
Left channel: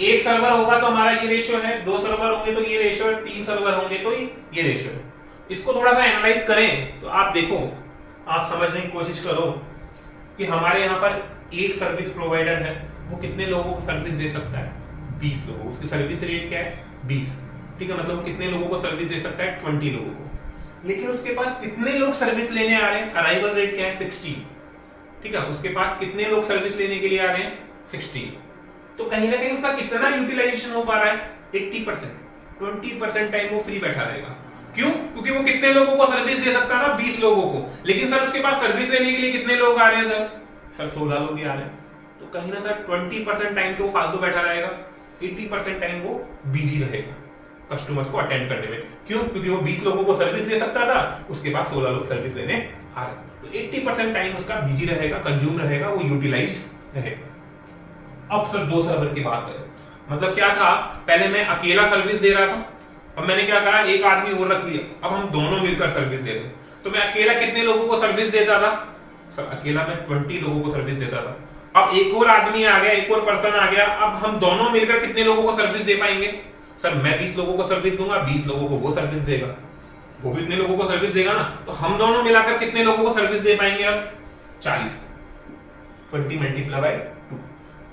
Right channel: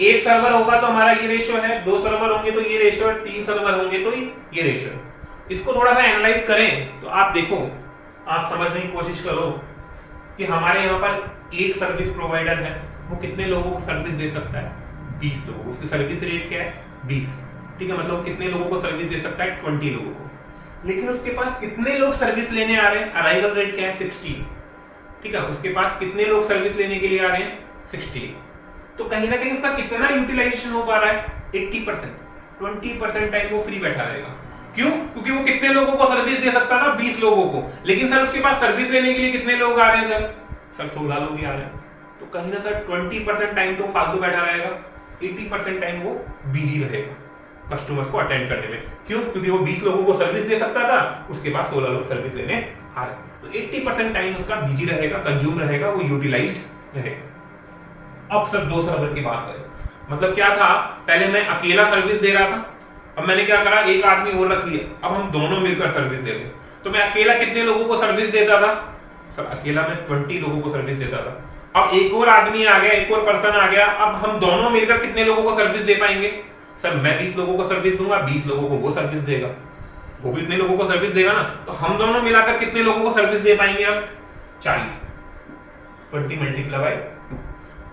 एक सर्वर होगा तो हमारा ये रेशियो है, 2 सर्वर होंगे तो ये रेशियो है, 3 सर्वर होंगे तो ये रेशियो है। इसको थोड़ा सा एनालाइज करें तो आप देखो, आप समझने की कोशिश करो कि हमारे यहाँ पर एक सर्विस प्रोवाइडर है, वो कितने लोगों को सर्विस दे सकता है, 20 लोगों, उसकी सर्विस रेट क्या है 20, ठीक है, मतलब कितने लोगों को सर्विस दे सकता है 20 लोगों को, लेकिन उसके पास कितने लोग सर्विस लेने आ रहे हैं, अराइवल रेट क्या है 60, ठीक है, उसके पास कितने लोग सर्विस लेने के लिए आ रहे हैं 60, तो कहीं ना कहीं उसका कितना यूटिलाइजेशन हो पा रहा है 80%, 20% टाइम वो फ्री बैठा रहेगा, क्यों, क्योंकि वो कितने लोगों को सर्विस दे सकता है ना 20 लोगों को, लेकिन सर उसके पास सर्विस लेने के लिए कितने लोग आ रहे हैं सर 16 लोग ही आ रहे हैं, तो कहीं ना सर 20% टाइम तो फालतू बैठा रहेगा, 80% टाइम वो बिजी रहेगा कस्टमर्स को अटेंड करने में, क्यों, क्योंकि वो 20 लोगों को सर्विस दे सकता था, उसके पास 16 लोग सर्विस लेने आ रहे हैं, तो 80% टाइम उसका बिजी रहेगा, कंज्यूम रहेगा, वो यूटिलाइज्ड रहेगा। अब सर 2 सर्वर की बात करें, मतलब क्या था, पहले मैं अकेला सर्विस दे रहा था, अब मैंने क्या करा, एक आदमी और रख लिया, अब हम दोनों मिलकर सर्विस दे रहे हैं, तो मैं अकेला कितने लोगों को सर्विस देता था सर, अकेला मैं 20 लोगों को सर्विस देता था, अब एक और आदमी आ गया, एक और पर्सन आ गया, अब हम दोनों मिलकर कितने लोगों को सर्विस दे पाएंगे सर, मैं 20 लोगों को सर्विस दूंगा, 20 लोगों को वो सर्विस देगा, वो भी इतने लोगों को सर्विस देगा ना, तो हम दोनों मिलाकर कितने लोगों को सर्विस दे पाएंगे अब 40, 20 मल्टीप्लाई बाय 2,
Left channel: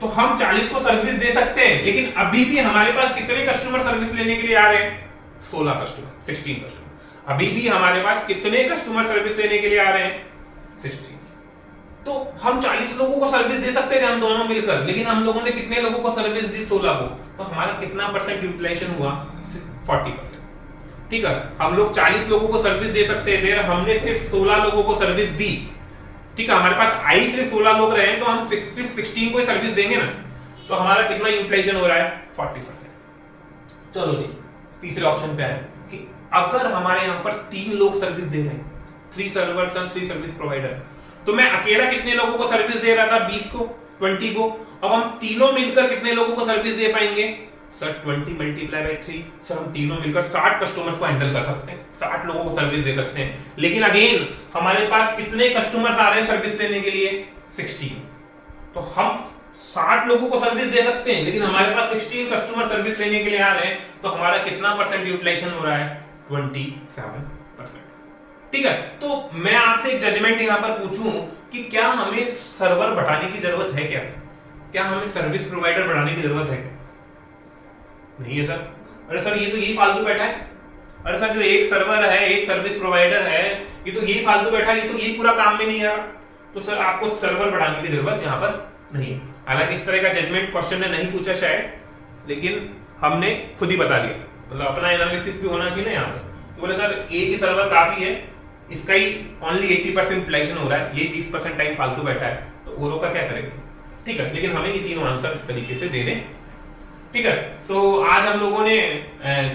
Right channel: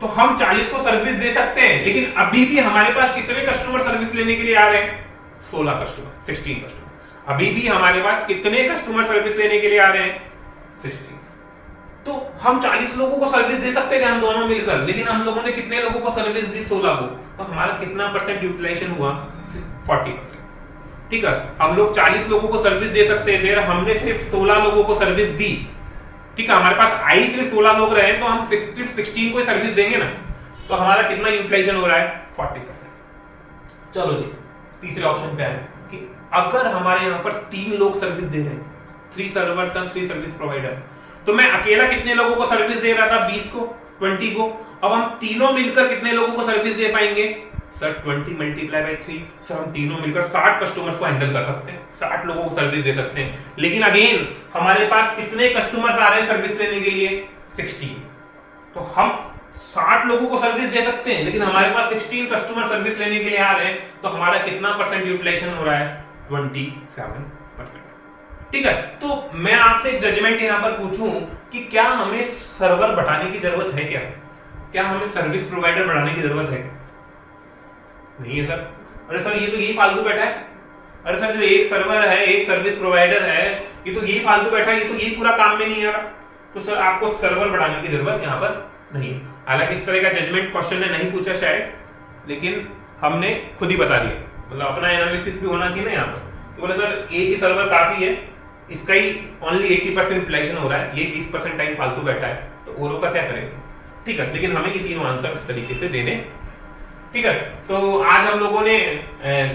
तो हम 40 को सर्विस दे सकते हैं, लेकिन अभी भी हमारे पास कितने कस्टमर सर्विस लेने के लिए आ रहे हैं 16 कस्टमर, 16 कस्टमर, अभी भी हमारे पास कितने कस्टमर सर्विस लेने के लिए आ रहे हैं 16, तो हम 40 लोगों को सर्विस दे सकते थे हम दोनों मिलकर, लेकिन हम लोगों ने कितने लोगों को सर्विस दी? 16 को। तो हमारा कितना परसेंट यूटिलाइजेशन हुआ? 40%। ठीक है, हम लोग 40 लोगों को सर्विस दे सकते थे, हमने सिर्फ 16 लोगों को सर्विस दी। ठीक है, हमारे पास आई सिर्फ 16 लोग रहे तो हम सिर्फ 16 को ही सर्विस देंगे ना। तो हमारा कितना यूटिलाइजेशन हो रहा है? 40%। चलो जी, तीसरे ऑप्शन पे आए कि अगर हमारे यहाँ पर 3 लोग सर्विस दे रहे हैं, 3 सर्वर्स एंड 3 सर्विस प्रोवाइडर, तो मैं अकेला कितने लोगों को सर्विस दे रहा था? 20 को, 20 को। अब हम तीनों मिलकर कितने लोगों को सर्विस दे पाएंगे? सर 20 मल्टीप्लाई बाय 3, सर हम तीनों मिलकर 60 कस्टमर्स को हैंडल कर सकते हैं, 60 लोगों को सर्विस दे सकते हैं। लेकिन अगेन हमारे पास कितने कस्टमर्स आ रहे हैं सर्विस लेने के लिए? 16। तो हम 60 लोगों को सर्विस दे सकते हैं, लेकिन हमारे पास 16 कस्टमर सर्विस लेने के लिए आ रहे हैं, तो हमारा कितना परसेंट यूटिलाइजेशन हो रहा है? 27%। ठीक है, तो मैं आपसे एक जजमेंट यहां पर पूछूं कि क्या हमें सर्वर बढ़ाने की जरूरत है? क्या हमें सर्विस प्रोवाइडर बढ़ाने की जरूरत है? नहीं है सर। अरे सर ये तो यही फालतू बैठा है। अरे सर जो एक सर्वर है, एक सर्विस प्रोवाइडर है, ये तो यही फालतू बैठा है, ये तो यही पूरा काम में नहीं आ रहा। तो सर आपको सर्वर बढ़ाने की जरूरत यहाँ पर नहीं है। हालांकि इस तरह का जजमेंट क्वेश्चन ने नहीं पूछा शायद, लेकिन हमने खुद ही बता दिया, मतलब अपना एनालिसिस भी होना चाहिए ना यहाँ पर। तो बोले सर एक ही सर्वर काफी है, इसका ही ओनली 80% यूटिलाइजेशन हो रहा है, ये 20% टाइम फालतू बैठा है, तो औरों का क्या करेंगे? ठीक है, लेकिन हमें ये तीनों आंसर इस तरीके से देने। ठीक है, तो आज हम लोगों ने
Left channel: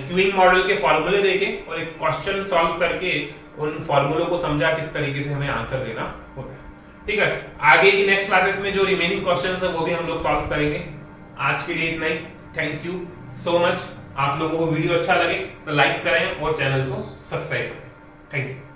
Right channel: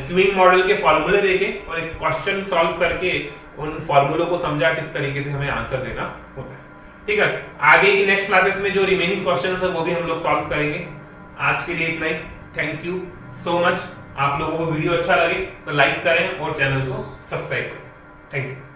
क्यूइंग मॉडल के फॉर्मूले देखे और एक क्वेश्चन सॉल्व करके उन फॉर्मूलों को समझा किस तरीके से हमें आंसर देना होता है। ठीक है, आगे की नेक्स्ट क्लासेस में जो रिमेनिंग क्वेश्चंस है वो भी हम लोग सॉल्व करेंगे। आज के लिए इतना ही। Thank you so much. आप लोगों को वीडियो अच्छा लगे तो लाइक करें और चैनल को सब्सक्राइब करें। Thank you.